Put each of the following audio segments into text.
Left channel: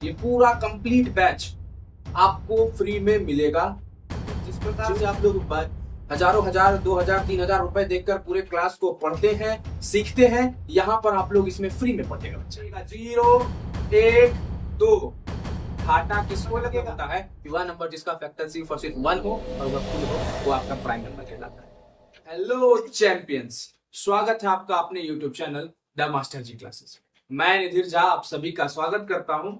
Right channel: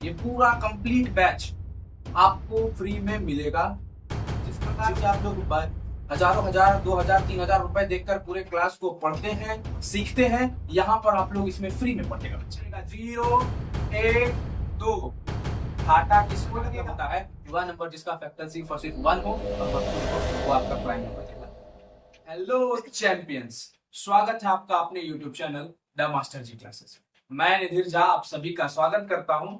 ये पूरा complete batch आपको फ्री में मिलेगा। जिस प्रकार से आप लोग हजारों हजार 2000 3000 रुपए देकर पूरे क्लास को पढ़ते हैं सीखते हैं, यहाँ पर आप लोग इसमें फ्री में पढ़ेगा बच्चे। 0 1 2 घाटा किसको लगेगा होता है? वह नंबर जिसका फैक्टर सिर्फ और सिर्फ 1 हो और वह खुद हो, वो आपका प्राइम नंबर कहलाता है। हेलो चैंपियंस, स्वागत है आपका अपने YouTube channel the master ji classes. मैं निधिर झा आप सभी का स्वागत करता हूं।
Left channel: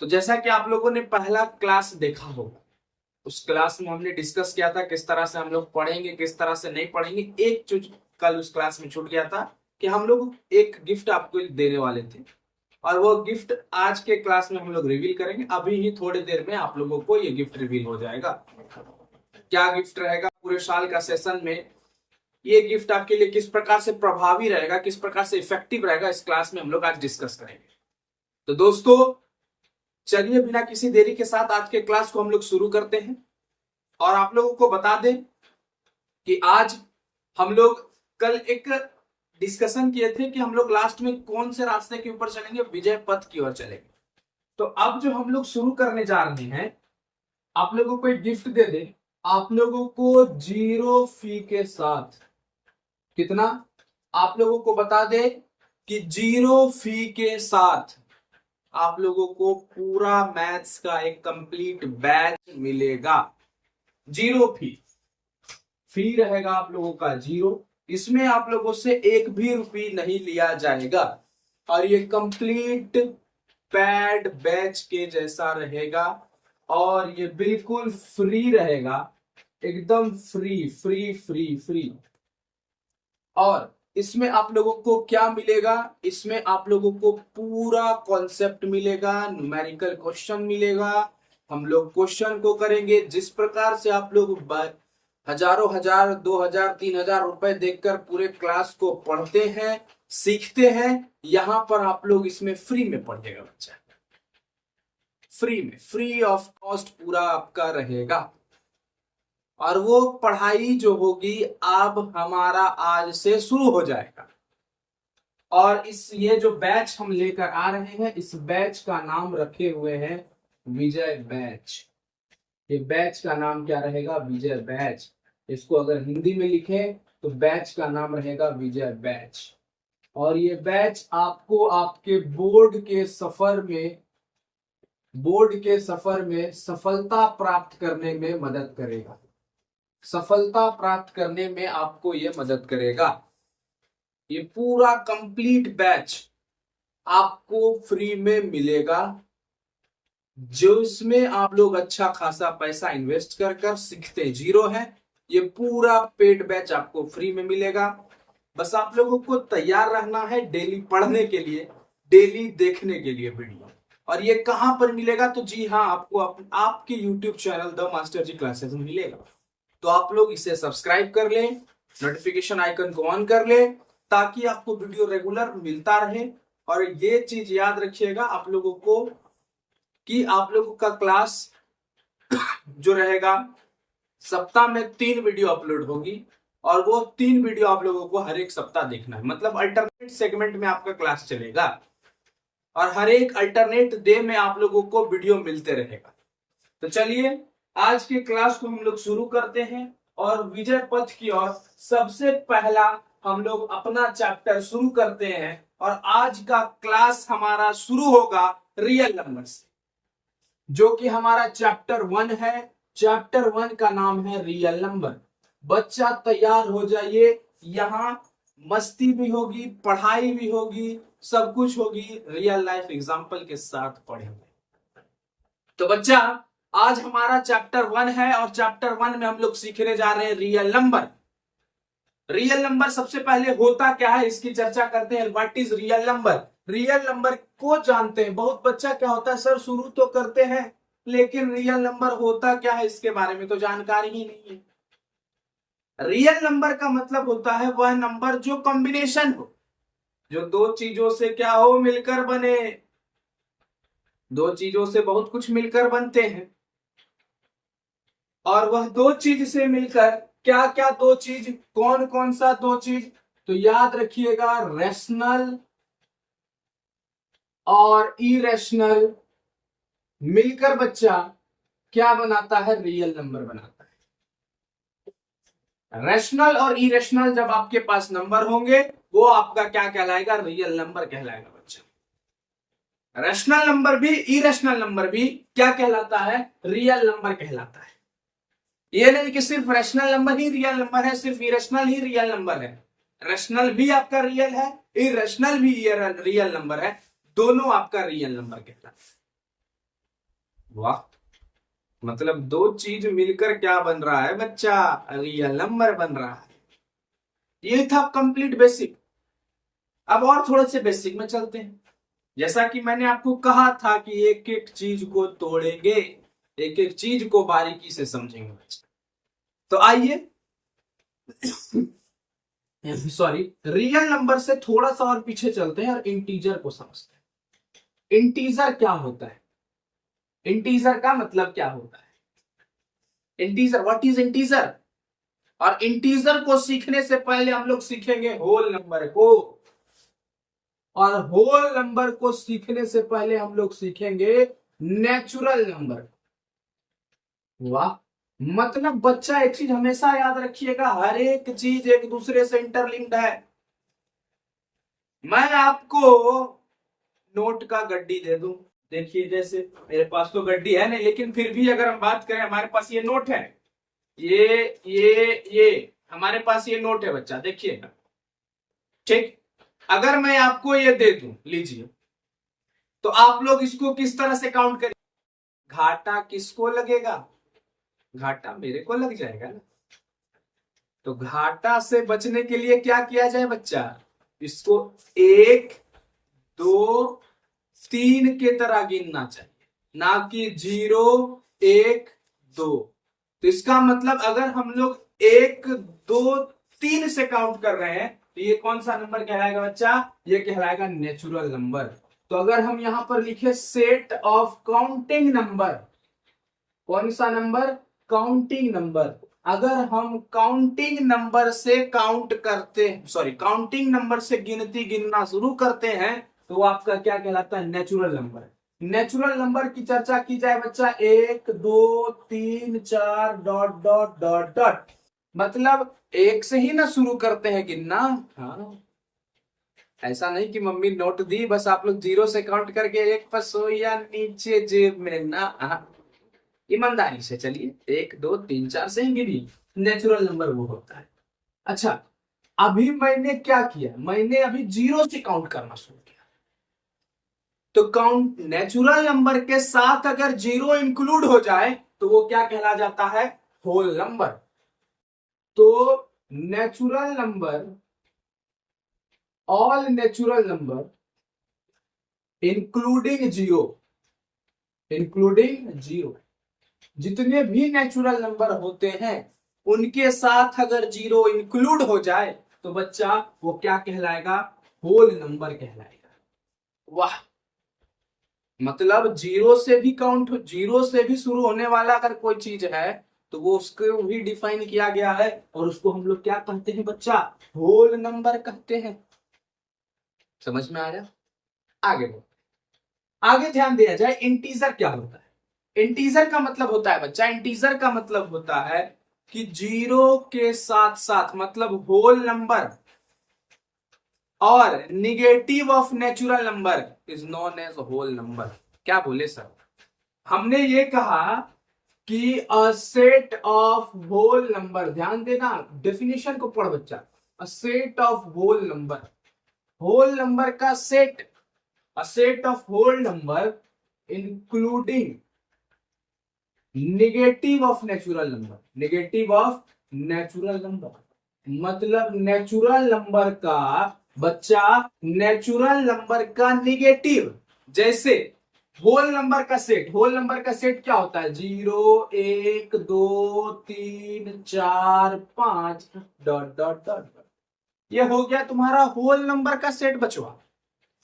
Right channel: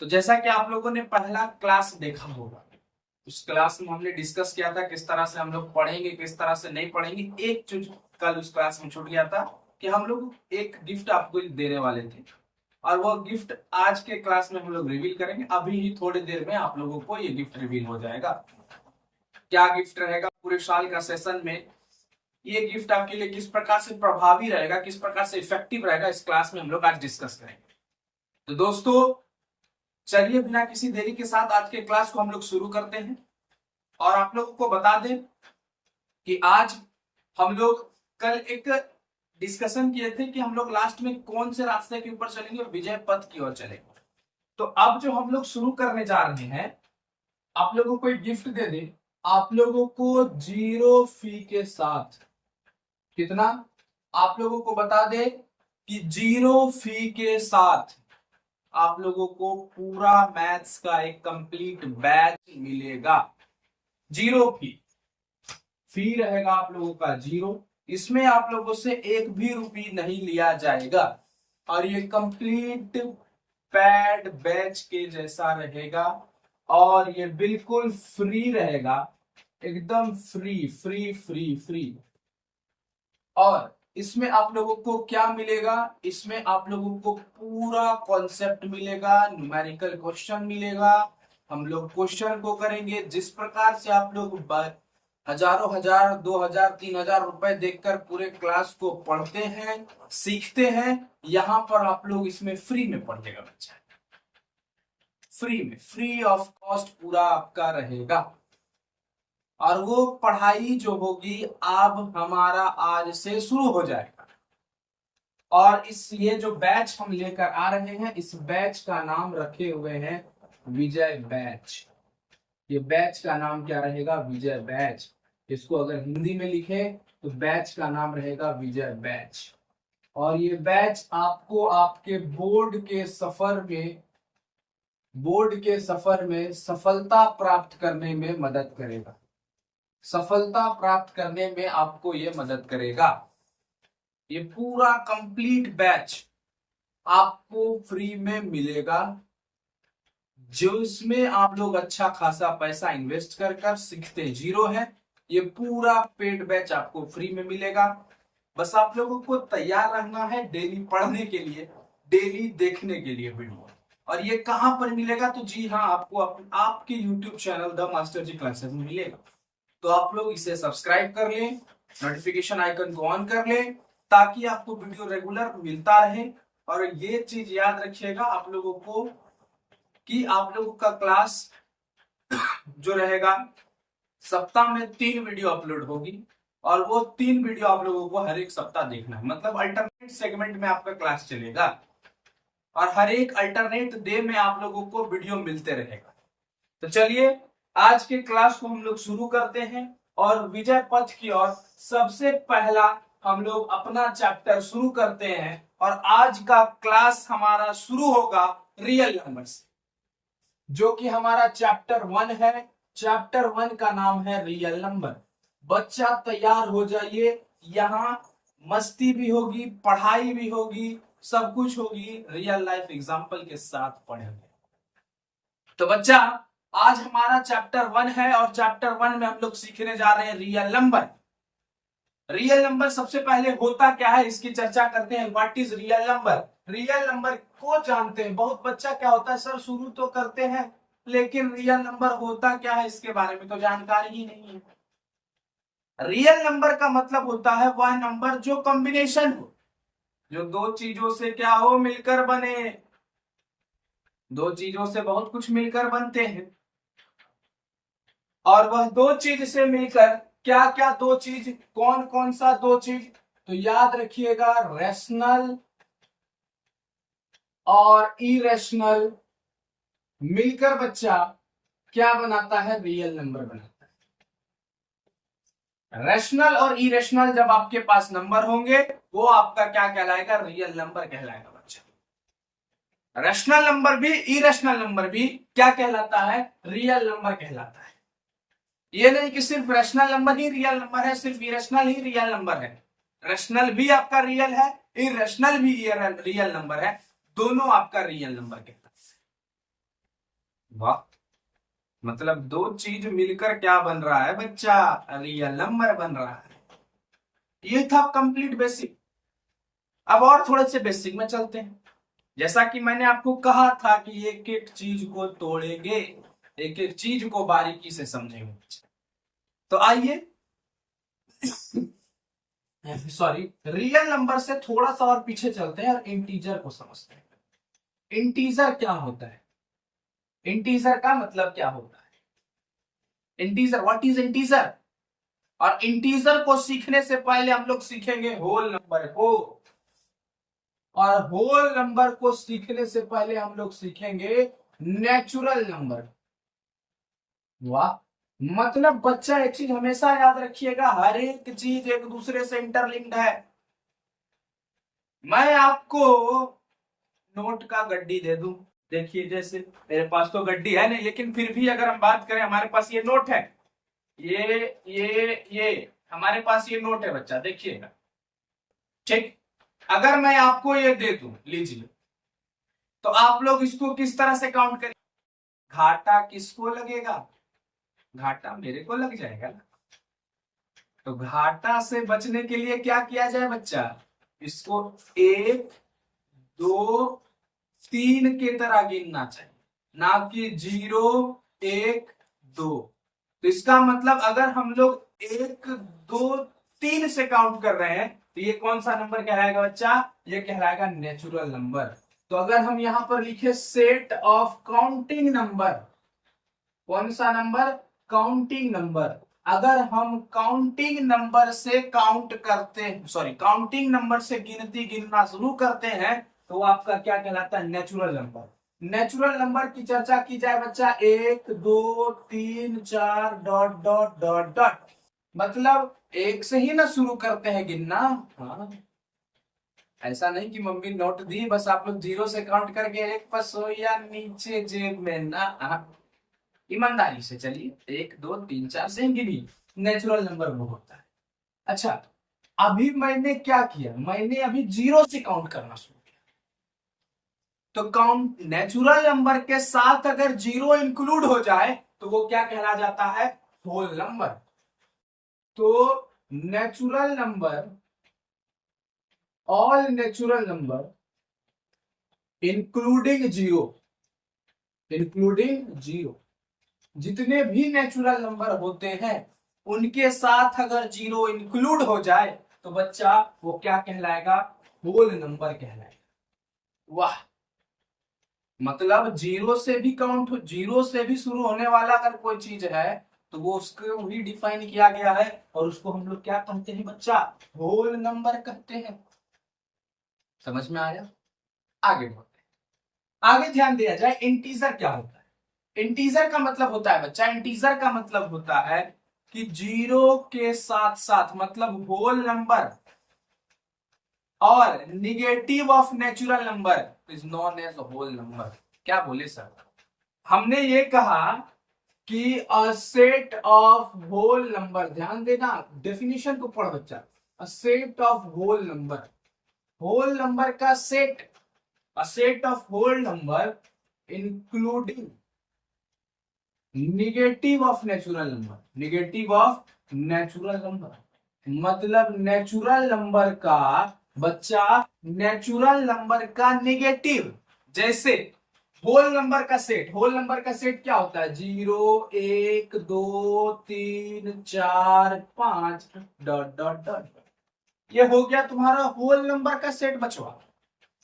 तो जैसा कि आप लोगों ने पहला क्लास देखा होगा, उस क्लास में हमने डिस्कस किया था किस तरह से हम लोग पढ़ेंगे, किस तरह से नहीं पढ़ेंगे। एक चीज कल उस क्लास में छूट गया था कि हम लोग एक गिफ्ट आपको देने वाले थे और वो गिफ्ट आज के क्लास में हम लोग रिवील करेंगे। अभी ही थोड़ी देर में आप लोगों को ये गिफ्ट रिवील हो जाएगा। क्या गिफ्ट रहेगा पूरे साल का सेशन में, ये गिफ्ट आपके लिए किस प्रकार से प्रभावी रहेगा, किस प्रकार से इफेक्टिव रहेगा, इस क्लास में हम लोग आज डिस्कस करेंगे। तो दोस्तों चलिए बिना किसी देरी के साथ आज के क्लास को हम लोग शुरू करते हैं। और आप लोगों को बता दें कि आज हम लोग कल एक डिस्कशन किए थे कि हम लोग लास्ट में कौन से रास्ते के ऊपर चलेंगे, विजय पथ की ओर चलेंगे। तो अब जो हम लोग शुरू करने जा रहे हैं, आप लोगों को एक गिफ्ट दे दे, आप लोगों को 0 फी के साथ कितना, आप लोगों को बता दे कि 0 फी के साथ आप लोगों को पूरा मैथ्स का एक कंप्लीट बैच मिलेगा। 0 फी रहेगा आप लोगों का 0। इसमें आप लोगों से एक भी रुपये नहीं लिया जाएगा और ये कंप्लीट पैड बैच के जैसा रहेगा और ये बिल्कुल फ्री रहेगा, एकदम फ्री फ्री फ्री फ्री। और इसमें आप लोगों को क्या मिलेगा, इसमें आप लोगों को पूरा कॉन्सेप्ट मिलेगा, न्यूमेरिकल क्वेश्चन मिलेगा। हम लोग क्वेश्चन को करेंगे जिस प्रकार से आप लोग हजारों हजार 2000 3000 रुपए देकर पूरे क्लास को पढ़ते हैं सीखते हैं, यहां पर आप लोग इसमें फ्री में पढ़ेगा बच्चा, फ्री में, फ्री ऑफ कॉस्ट पूरा आपका रहेगा। और वो पढ़ाई जो होगी अब हमारा आज से शुरू हो जाएगा। और इस ये जो बैच हम लेकर आ रहे हैं, इस बैच का नाम रखे हुए हैं विजय बैच। ये बैच का नाम क्या रहेगा? विजय बैच। इसको अगर हिंदी में लिखे तो बैच का नाम रहेगा विजय बैच। और ये बैच आपको आपके बोर्ड के सफर में सफलता प्राप्त करने में मदद करेगा, सफलता प्राप्त करने में आपको ये मदद करेगा। ये पूरा कंप्लीट बैच आपको फ्री में मिलेगा, जो इसमें आप लोग अच्छा खासा पैसा इन्वेस्ट कर कर सीखते हैं। 0 है, ये पूरा पेड बैच आपको फ्री में मिलेगा। बस आप लोगों को तैयार रहना है डेली पढ़ने के लिए, डेली देखने के लिए वीडियो। और ये कहां पर मिलेगा? तो जी हाँ, आपको आपके YouTube channel the master ji classes में मिलेगा। तो आप लोग इसे सब्सक्राइब कर लें, नोटिफिकेशन आइकन को ऑन कर लें ताकि आपको वीडियो रेगुलर मिलता रहे। और ये चीज याद रखिएगा आप लोगों को कि आप लोगों का क्लास जो रहेगा, सप्ताह में 3 वीडियो अपलोड होगी और वो 3 वीडियो आप लोगों को हर एक सप्ताह देखना है। मतलब अल्टरनेट सेगमेंट में आपका क्लास चलेगा और हर एक अल्टरनेट डे में आप लोगों को वीडियो मिलते रहेगा। तो चलिए आज के क्लास को हम लोग शुरू करते हैं और विजय पथ की ओर सबसे पहला हम लोग अपना चैप्टर शुरू करते हैं। और आज का क्लास हमारा शुरू होगा रियल नंबर से, जो कि हमारा चैप्टर 1 है। चैप्टर 1 का नाम है रियल नंबर। बच्चा तैयार हो जाइए, यहाँ मस्ती भी होगी, पढ़ाई भी होगी, सब कुछ होगी, रियल लाइफ एग्जाम्पल के साथ पढ़ेंगे। तो बच्चा आज हमारा चैप्टर 1 है और चैप्टर 1 में हम लोग सीखने जा रहे हैं रियल नंबर। रियल नंबर सबसे पहले होता क्या है इसकी चर्चा करते हैं। What is real number? Real number को जानते हैं बहुत बच्चा, क्या होता है सर शुरू तो करते हैं लेकिन रियल नंबर होता क्या है इसके बारे में तो जानकारी ही नहीं है। रियल नंबर का मतलब होता है वह नंबर जो कॉम्बिनेशन हो, जो दो चीजों से क्या हो, मिलकर बने। दो चीजों से बहुत कुछ मिलकर बनते हैं और वह दो चीज से मिलकर क्या क्या दो चीज, कौन कौन सा दो चीज? तो याद रखिएगा, रैशनल और इरेशनल मिलकर बच्चा क्या बनाता है, रियल नंबर बनाता है। रैशनल और इरेशनल जब आपके पास नंबर होंगे वो आपका क्या कहलाएगा, रियल नंबर कहलाएगा बच्चा। रैशनल नंबर भी इरेशनल नंबर भी क्या कहलाता है, रियल नंबर कहलाता है। ये नहीं कि सिर्फ रैशनल नंबर ही रियल नंबर है, सिर्फ इरेशनल ही रियल नंबर है। रैशनल भी आपका रियल है, इरेशनल भी रियल नंबर है, दोनों आपका रियल नंबर कहलाता है। वाह, मतलब दो चीज मिलकर क्या बन रहा है बच्चा, रियल नंबर बन रहा है। ये था कंप्लीट बेसिक। अब और थोड़े से बेसिक में चलते हैं। जैसा कि मैंने आपको कहा था कि एक एक चीज को तोड़ेंगे, एक एक चीज को बारीकी से समझेंगे बच्चा। तो आइए सॉरी, रियल नंबर से थोड़ा सा और पीछे चलते हैं और इंटीजर को समझते हैं। इंटीजर क्या होता है, इंटीजर का मतलब क्या होता है, इंटीजर, व्हाट इज इंटीजर। और इंटीजर को सीखने से पहले हम लोग सीखेंगे होल नंबर को, और होल नंबर को सीखने से पहले हम लोग सीखेंगे नेचुरल नंबर। वाह, मतलब बच्चा एक चीज हमेशा याद रखिएगा, हर एक चीज एक दूसरे से इंटरलिंक्ड है। मैं आपको नोट का गड्डी दे दूं, देखिए जैसे मेरे पास तो गड्डी है नहीं, लेकिन फिर भी अगर हम बात करें, हमारे पास ये नोट है, ये हमारे पास ये नोट है बच्चा, देखिएगा। ठीक, अगर मैं आपको ये दे दूं, लीजिए, तो आप लोग इसको किस तरह से काउंट करें, घाटा किसको लगेगा, घाटा मेरे को लग जाएगा ना। तो घाटा से बचने के लिए क्या किया जाए बच्चा, इसको 1 2 3 के तरह गिनना चाहिए, ना कि 0 1 2। तो इसका मतलब अगर हम लोग 1 2 3 से काउंट कर रहे हैं तो ये कौन सा नंबर कहलाएगा बच्चा, ये कहलाएगा नेचुरल नंबर। तो अगर हम यहां पर लिखे सेट ऑफ काउंटिंग नंबर, कौन सा नंबर, काउंटिंग नंबर। अगर हम काउंटिंग नंबर से काउंट करते, सॉरी, काउंटिंग नंबर से गिनती गिनना शुरू करते हैं तो वो आपका क्या कहलाता है, नेचुरल नंबर। नेचुरल नंबर की चर्चा की जाए बच्चा, 1 2 3 4 डॉट डॉट डॉट डॉट, मतलब एक से ही ना शुरू करते हैं गिनना। हाँ, ऐसा नहीं कि मम्मी नोट दी बस आप लोग 0 से काउंट करके एक पसो या नीचे जेब में ना, ईमानदारी से चलिए, 1 2 3 4 से ही गिनिए, नेचुरल नंबर वो होता है। अच्छा, अभी मैंने क्या किया, मैंने अभी 0 से काउंट करना शुरू किया, तो काउंट नेचुरल नंबर के साथ अगर 0 इंक्लूड हो जाए तो वो क्या कहला जाता है, होल नंबर। तो natural number, all natural number including 0, including 0, जितने भी नेचुरल नंबर होते हैं उनके साथ अगर 0 इंक्लूड हो जाए तो बच्चा वो क्या कहलाएगा, होल नंबर कहलाएगा। वाह, मतलब 0 से भी काउंट, 0 से भी शुरू होने वाला अगर कोई चीज है तो वो उसको भी डिफाइन किया गया है, और उसको हम लोग क्या कहते हैं बच्चा, होल नंबर कहते हैं। समझ में आया, आगे बढ़ते, आगे ध्यान दिया जाए, इंटीजर क्या होता है। इंटीजर का मतलब होता है बच्चा, इंटीजर का मतलब होता है कि 0 के साथ साथ, मतलब होल नंबर और negative of natural number is known as whole number. क्या बोले सर, हमने ये कहा कि a set of whole number, ध्यान देना, डेफिनेशन को पढ़ बच्चा, a set of whole number, whole number का set, a set of whole number including negative of natural number, negative of natural number, मतलब नेचुरल नंबर का बच्चा, नेचुरल नंबर का निगेटिव, जैसे होल नंबर का सेट, होल नंबर का set क्या होता है, 0 1 2 3 4 5 डॉट डॉट डॉट, ये हो गया तुम्हारा होल नंबर का सेट बचवा,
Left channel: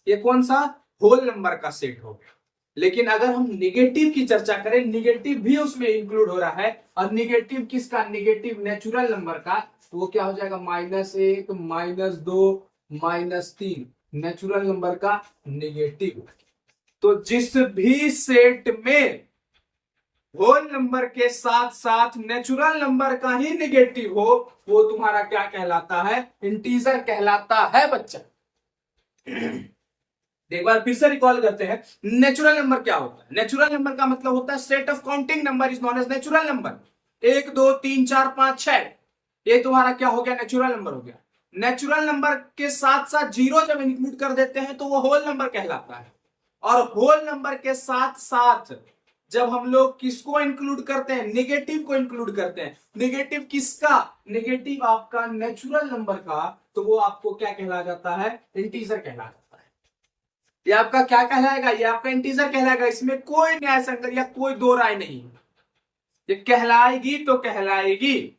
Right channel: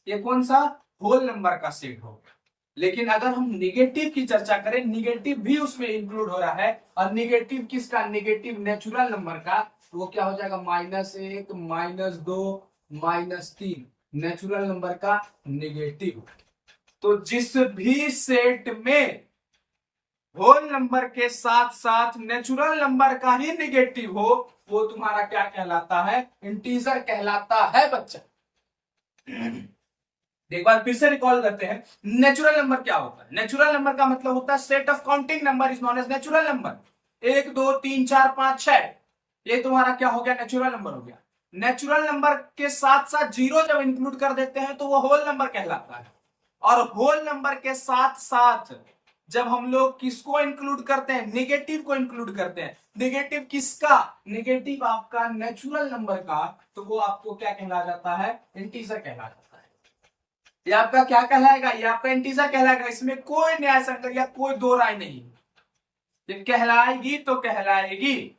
ये कौन सा, होल नंबर का सेट हो गया। लेकिन अगर हम निगेटिव की चर्चा करें, निगेटिव भी उसमें इंक्लूड हो रहा है, और निगेटिव किसका, निगेटिव नेचुरल नंबर का, तो वो क्या हो जाएगा, -1 -2 -3, नेचुरल नंबर का निगेटिव। तो जिस भी सेट में होल नंबर के साथ साथ नेचुरल नंबर का ही निगेटिव हो, वो तुम्हारा क्या कहलाता है? इंटीजर कहलाता है बच्चा। एक बार फिर से रिकॉल करते हैं, नेचुरल नंबर क्या होता है? नेचुरल नंबर का मतलब होता है set of counting number is known as natural number. 1 2 3 4 5 6, ये तुम्हारा क्या हो गया? नेचुरल नंबर हो गया। नेचुरल नंबर के साथ साथ जीरो जब इंक्लूड कर देते हैं तो वो होल नंबर कहलाता है। और होल नंबर के साथ साथ जब हम लोग किसको इंक्लूड करते हैं? नेगेटिव को इंक्लूड करते हैं। नेगेटिव किसका? नेगेटिव आपका नेचुरल नंबर का, तो वो आपको क्या कहला जाता है? इंटीजर कहला जाता है। ये आपका क्या कहलाएगा? ये आपका इंटीजर कहलाएगा। इसमें कोई न्याय संकट या कोई दो राय नहीं। ये कहलाएगी तो कहलाएगी।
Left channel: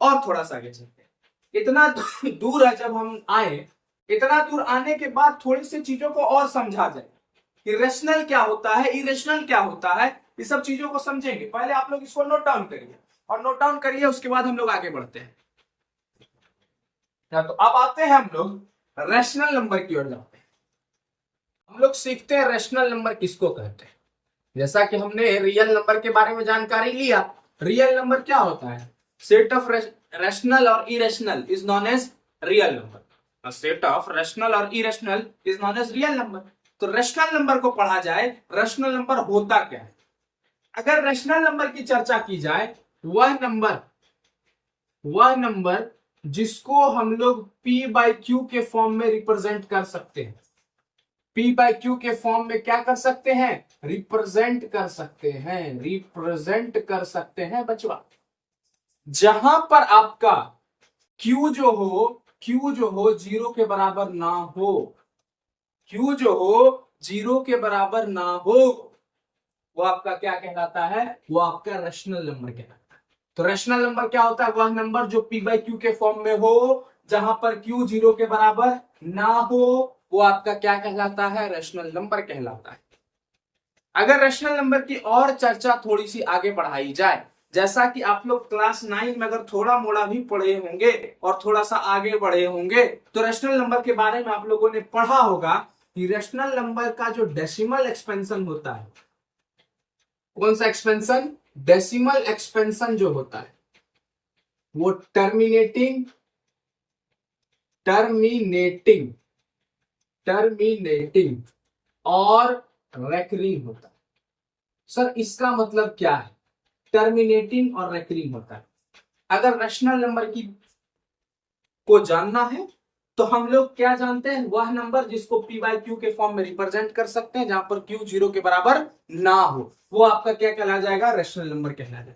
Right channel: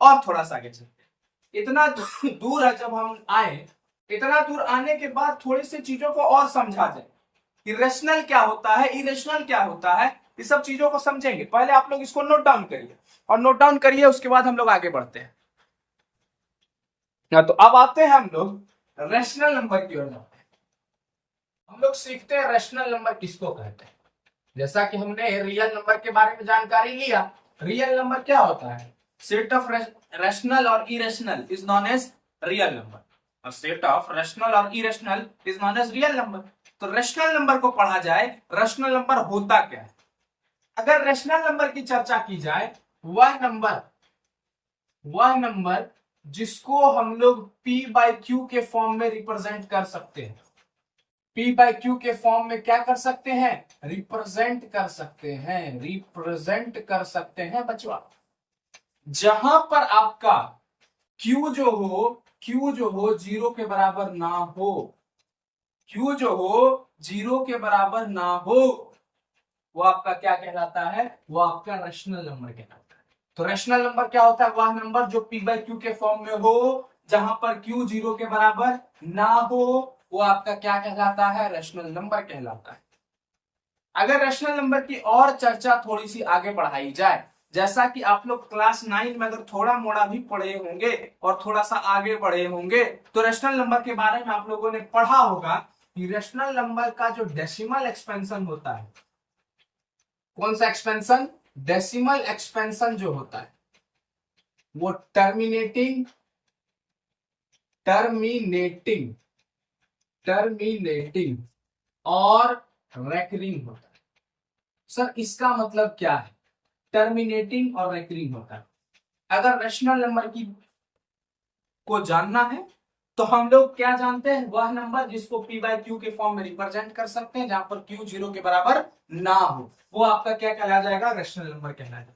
और थोड़ा सा आगे चलते हैं, इतना दूर है जब हम आए, इतना दूर आने के बाद थोड़ी सी चीजों को और समझा जाए। इरेशनल क्या होता है, इरेशनल क्या होता है, ये सब चीजों को समझेंगे। पहले आप लोग इसको नोट डाउन करिए, और नोट डाउन करिए, उसके बाद हम लोग आगे बढ़ते हैं। तो अब आते हैं हम लोग रैशनल नंबर की ओर जाते हैं। हम लोग सीखते हैं रैशनल नंबर किसको कहते हैं। जैसा कि हमने रियल नंबर के बारे में जानकारी लिया, रियल नंबर क्या होता है? सेट ऑफ रैशनल और irrational is known as real number. A set of rational और irrational is known as real number। तो रैशनल नंबर को पढ़ा जाए, रैशनल नंबर होता क्या है? अगर रैशनल नंबर की चर्चा की जाए, वह नंबर जिसको हम लोग P बाई क्यू के फॉर्म में रिप्रेजेंट कर सकते हैं। P बाई क्यू के फॉर्म में क्या कर सकते हैं? रिप्रेजेंट कर सकते हैं बच्चों। जहां पर आपका Q जो हो जीरो के बराबर ना हो, Q जो हो जीरो के बराबर ना हो, वो आपका क्या कहलाता है? वो आपका रैशनल नंबर कहलाता है। तो रैशनल नंबर क्या होता है? वह नंबर जो P बाई क्यू के फॉर्म में हो, जहां पर Q जीरो के बराबर ना हो, वो आपका क्या कहलाता है? रैशनल नंबर कहलाता है। अगर रैशनल नंबर की और चर्चा थोड़ी सी आगे बढ़ाई जाए, जैसा कि आप लोग क्लास 9 में अगर थोड़ा मोड़ा भी पढ़े होंगे और थोड़ा सा आगे बढ़े होंगे, तो रैशनल नंबर के बारे में आप लोगों ने पढ़ा होगा कि रैशनल नंबर का जो डेसिमल एक्सपेंशन होता है, कौन सा एक्सपेंशन? डेसिमल एक्सपेंशन जो होता है वो टर्मिनेटिंग और रेकरिंग होता है। सर इसका मतलब क्या है? टर्मिनेटिंग और रेकरिंग होता है। अगर रैशनल नंबर की को जानना है तो हम लोग क्या जानते हैं? वह नंबर जिसको P बाई क्यू के फॉर्म में रिप्रेजेंट कर सकते हैं, जहां पर Q जीरो के बराबर ना हो, वो आपका क्या कहला जाएगा? रैशनल नंबर कहला जाएगा।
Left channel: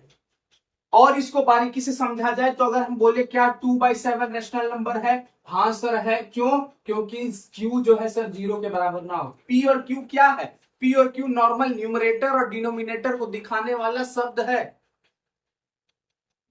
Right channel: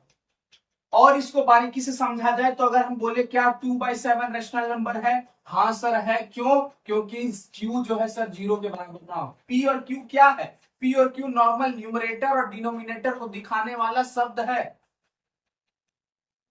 और इसको बारीकी से समझा जाए तो अगर हम बोले क्या 2/7 रैशनल नंबर है? हाँ सर है। क्यों? क्योंकि Q जो है सर जीरो के बराबर ना हो। P और Q क्या है? P और Q नॉर्मल न्यूमरेटर और डिनोमिनेटर को दिखाने वाला शब्द है,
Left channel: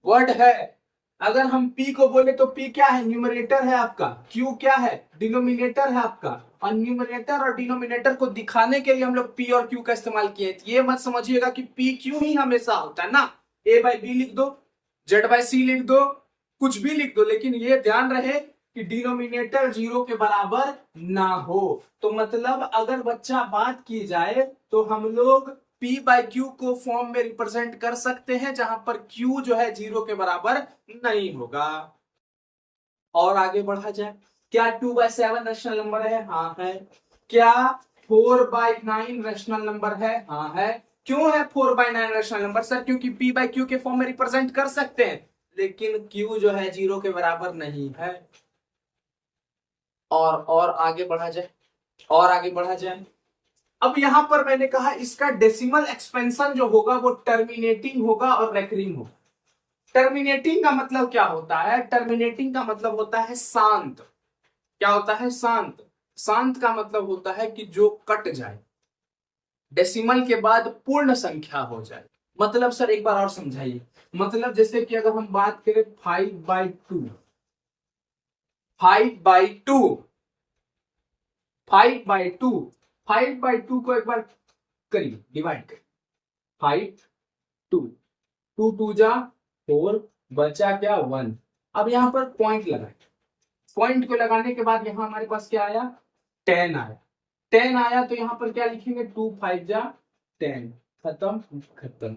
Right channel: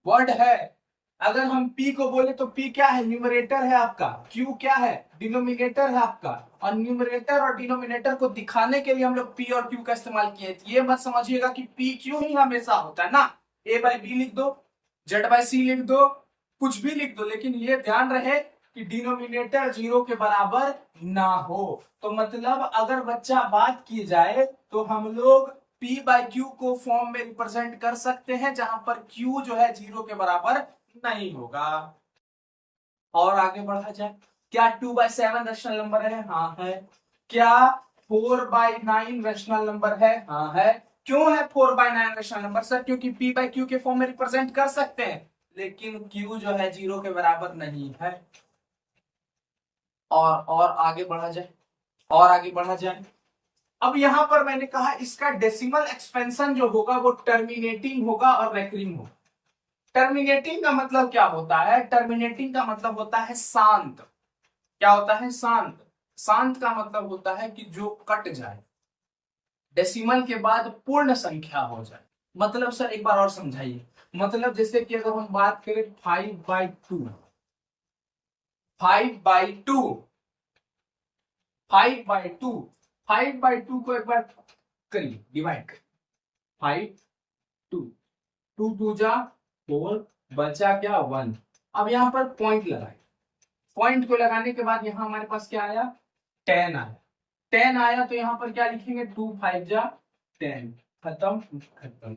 वर्ड है। अगर हम P को बोले तो P क्या है? न्यूमरेटर है आपका। Q क्या है? डिनोमिनेटर है आपका। और न्यूमरेटर और डिनोमिनेटर को दिखाने के लिए हम लोग P और Q का इस्तेमाल किए। ये मत समझिएगा कि P Q ही हमेशा होता है ना। A बाई B लिख दो, Z बाई C लिख दो, कुछ भी लिख दो, लेकिन ये ध्यान रहे कि डिनोमिनेटर जीरो के बराबर ना हो। तो मतलब अगर बच्चा बात की जाए तो हम लोग P बाई क्यू को फॉर्म में रिप्रेजेंट कर सकते हैं, जहां पर Q जो है जीरो के बराबर नहीं होगा। और आगे बढ़ा जाए, क्या 2/7 रैशनल नंबर है? हाँ है। क्या 4/9 रैशनल नंबर है? हाँ है। क्यों है 4/9 रैशनल नंबर? सर क्योंकि P बाई क्यू के फॉर्म में रिप्रेजेंट कर सकते हैं, लेकिन Q जो है जीरो के बराबर नहीं है। और आगे बढ़ा जाए, अब यहां पर मैंने कहा इसका डेसिमल एक्सपेंशन जो होगा वो टर्मिनेटिंग होगा और रेकरिंग होगा। टर्मिनेटिंग का मतलब क्या होता है? टर्मिनेटिंग का मतलब होता है शांत। क्या होता है? शांत। शांत का मतलब होता है कि जो कट जाए, डेसिमल के बाद पूर्ण संख्या हो जाए। मतलब सर एक बार और समझाइए। मतलब जैसे कि अगर हम बात करें 5/2 को एक बार करिए, डिवाइड करिए। 2 2 जा 4, बचा क्या? 1। अब यहां पर पॉइंट लगाए। पॉइंट को लगाने के बाद यहां हमारे पास क्या आया? 10 आया। 10 आया तो यहाँ पर क्या लिखेंगे, 2 5 जा 10, खत्म।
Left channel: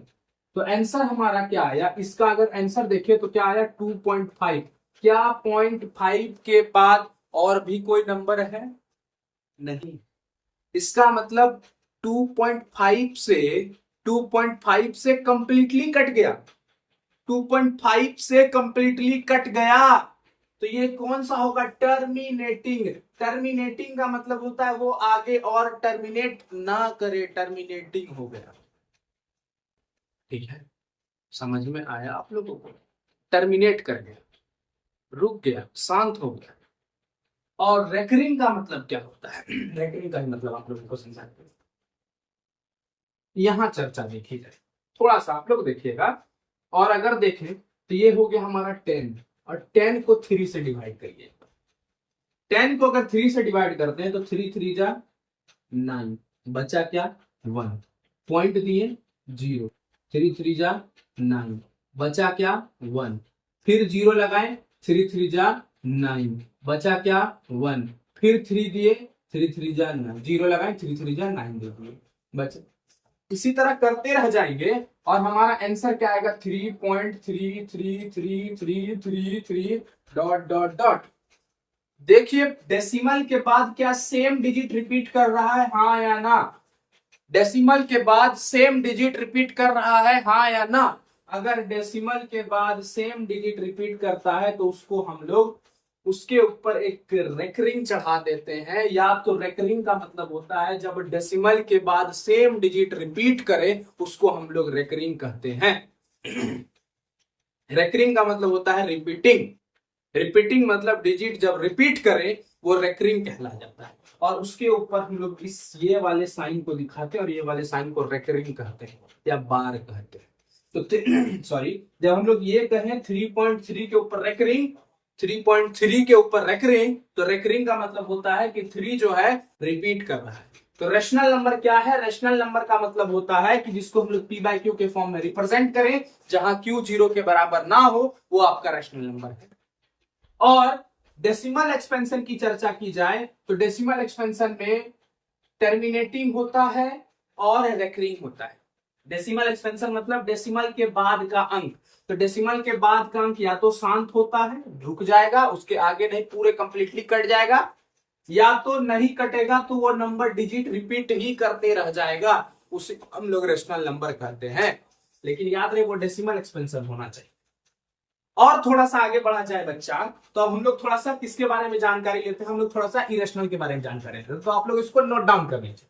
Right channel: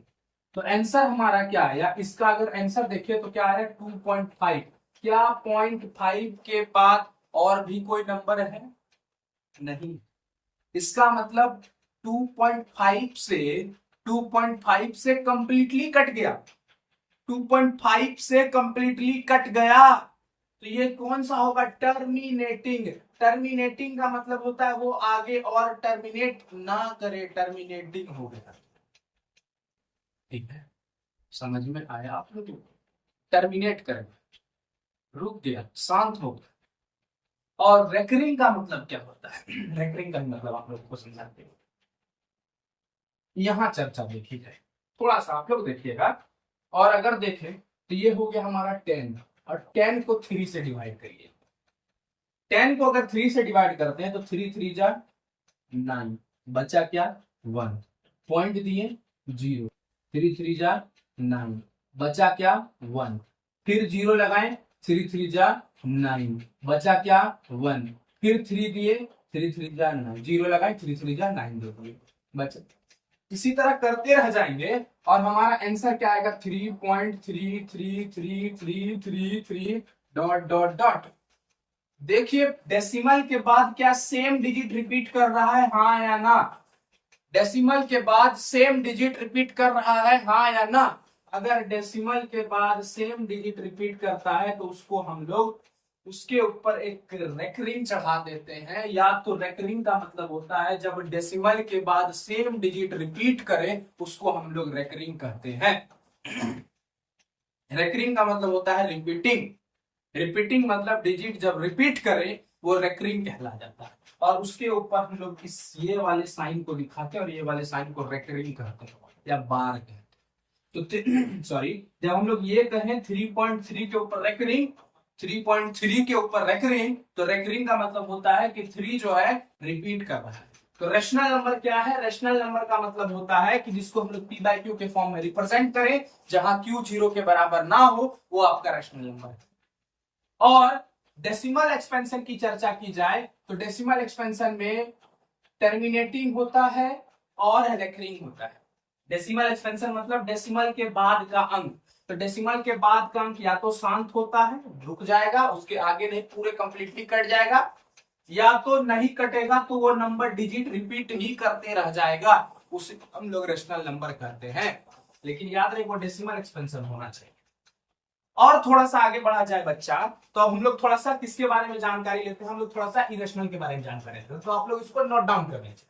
तो आंसर हमारा क्या आया, इसका अगर आंसर देखें तो क्या आया 2.5। क्या 0.5 के बाद और भी कोई नंबर है? नहीं। इसका मतलब 2.5 से कंप्लीटली कट गया, 2.5 से कंप्लीटली कट गया। तो ये कौन सा होगा, टर्मिनेटिंग। टर्मिनेटिंग का मतलब होता है वो आगे और टर्मिनेट ना करे, टर्मिनेटिंग हो गया। ठीक है, समझ में आया आप लोगों को? टर्मिनेट कर गया, रुक गया, शांत हो गया। और रेकरिंग का मतलब क्या होता है, रेकरिंग का मतलब आप लोगों को समझाते हैं। यहां चर्चा देखी जाए, थोड़ा सा आप लोग देखिएगा। और अगर देखें तो ये हो गया हमारा 10, और 10 को 3 से डिवाइड करिए। 10 को अगर 3 से डिवाइड करते हैं तो 3 3 जा 9, बचा क्या 1, पॉइंट दिए 0, 3 3 जा 9, बचा क्या 1, फिर 0 लगाएं, 3 3 जा 9, बचा क्या 1, फिर 3 दिए, 3 3 जा 9, 0 लगाएं, 3 3 जा 9 दे दिए, बचा। इसी तरह करते रह जाएंगे और हमारा आंसर क्या आएगा, 3.333333 डॉट डॉट डॉट। देखिए डेसिमल के बाद क्या सेम डिजिट रिपीट कर रहा है, हाँ या ना? डेसिमल के बाद सेम डिजिट रिपीट कर रहा है, हाँ या ना? अगर डेसिमल के बाद सेम डिजिट रिपीट करता है तो उसको हम लोग उसके ऊपर एक रेकरिंग चढ़ा देते हैं। या तो रेकरिंग का मतलब होता है जब डेसिमल के बाद सेम डिजिट रिपीट करे उसको हम लोग रेकरिंग कहते हैं। रेकरिंग का मतलब होता है रिपीटिंग। रिपीटिंग मतलब डिजिट जब रिपीट करे वो रेकरिंग कहला जाता है। और उसके ऊपर हम लोग इस ये वाले साइन को दिखाते हैं और ये वाले साइन को रेकरिंग कहते हैं या बार कहते हैं। तो सॉरी, जब हम लोग ये कहें 3.3 के ऊपर रेकरिंग, 3.3 के ऊपर रेकरिंग, तो रेकरिंग का मतलब होता है कि 3 जो है रिपीट कर रहा है। तो रेशनल नंबर क्या है, रेशनल नंबर का मतलब होता है कि जिसको हम लोग p/q के फॉर्म में रिप्रेजेंट करें, जहां q 0 के बराबर ना हो वो आपका रेशनल नंबर है। और डेसिमल एक्सपेंशन की चर्चा की जाए तो डेसिमल एक्सपेंशन में टर्मिनेटिंग होता है और रेकरिंग होता है। डेसिमल एक्सपेंशन मतलब डेसिमल के बाद का अंक। तो डेसिमल के बाद का अंक या तो शांत होता है, रुक जाएगा, उसके आगे नहीं पूरे कंप्लीटली कट जाएगा, या तो नहीं कटेगा तो वो नंबर डिजिट रिपीट ही करते रह जाएगा, उसे हम लोग रेशनल नंबर कहते हैं। लेकिन याद रहे वो डेसिमल एक्सपेंशन होना चाहिए। और थोड़ा सा आगे बढ़ा जाए बच्चा, तो अब हम लोग थोड़ा सा किसके बारे में जानकारी लेते हैं, हम लोग थोड़ा सा इरेशनल के बारे में जानकारी लेते हैं। तो आप लोग इसको नोट डाउन कर लीजिए।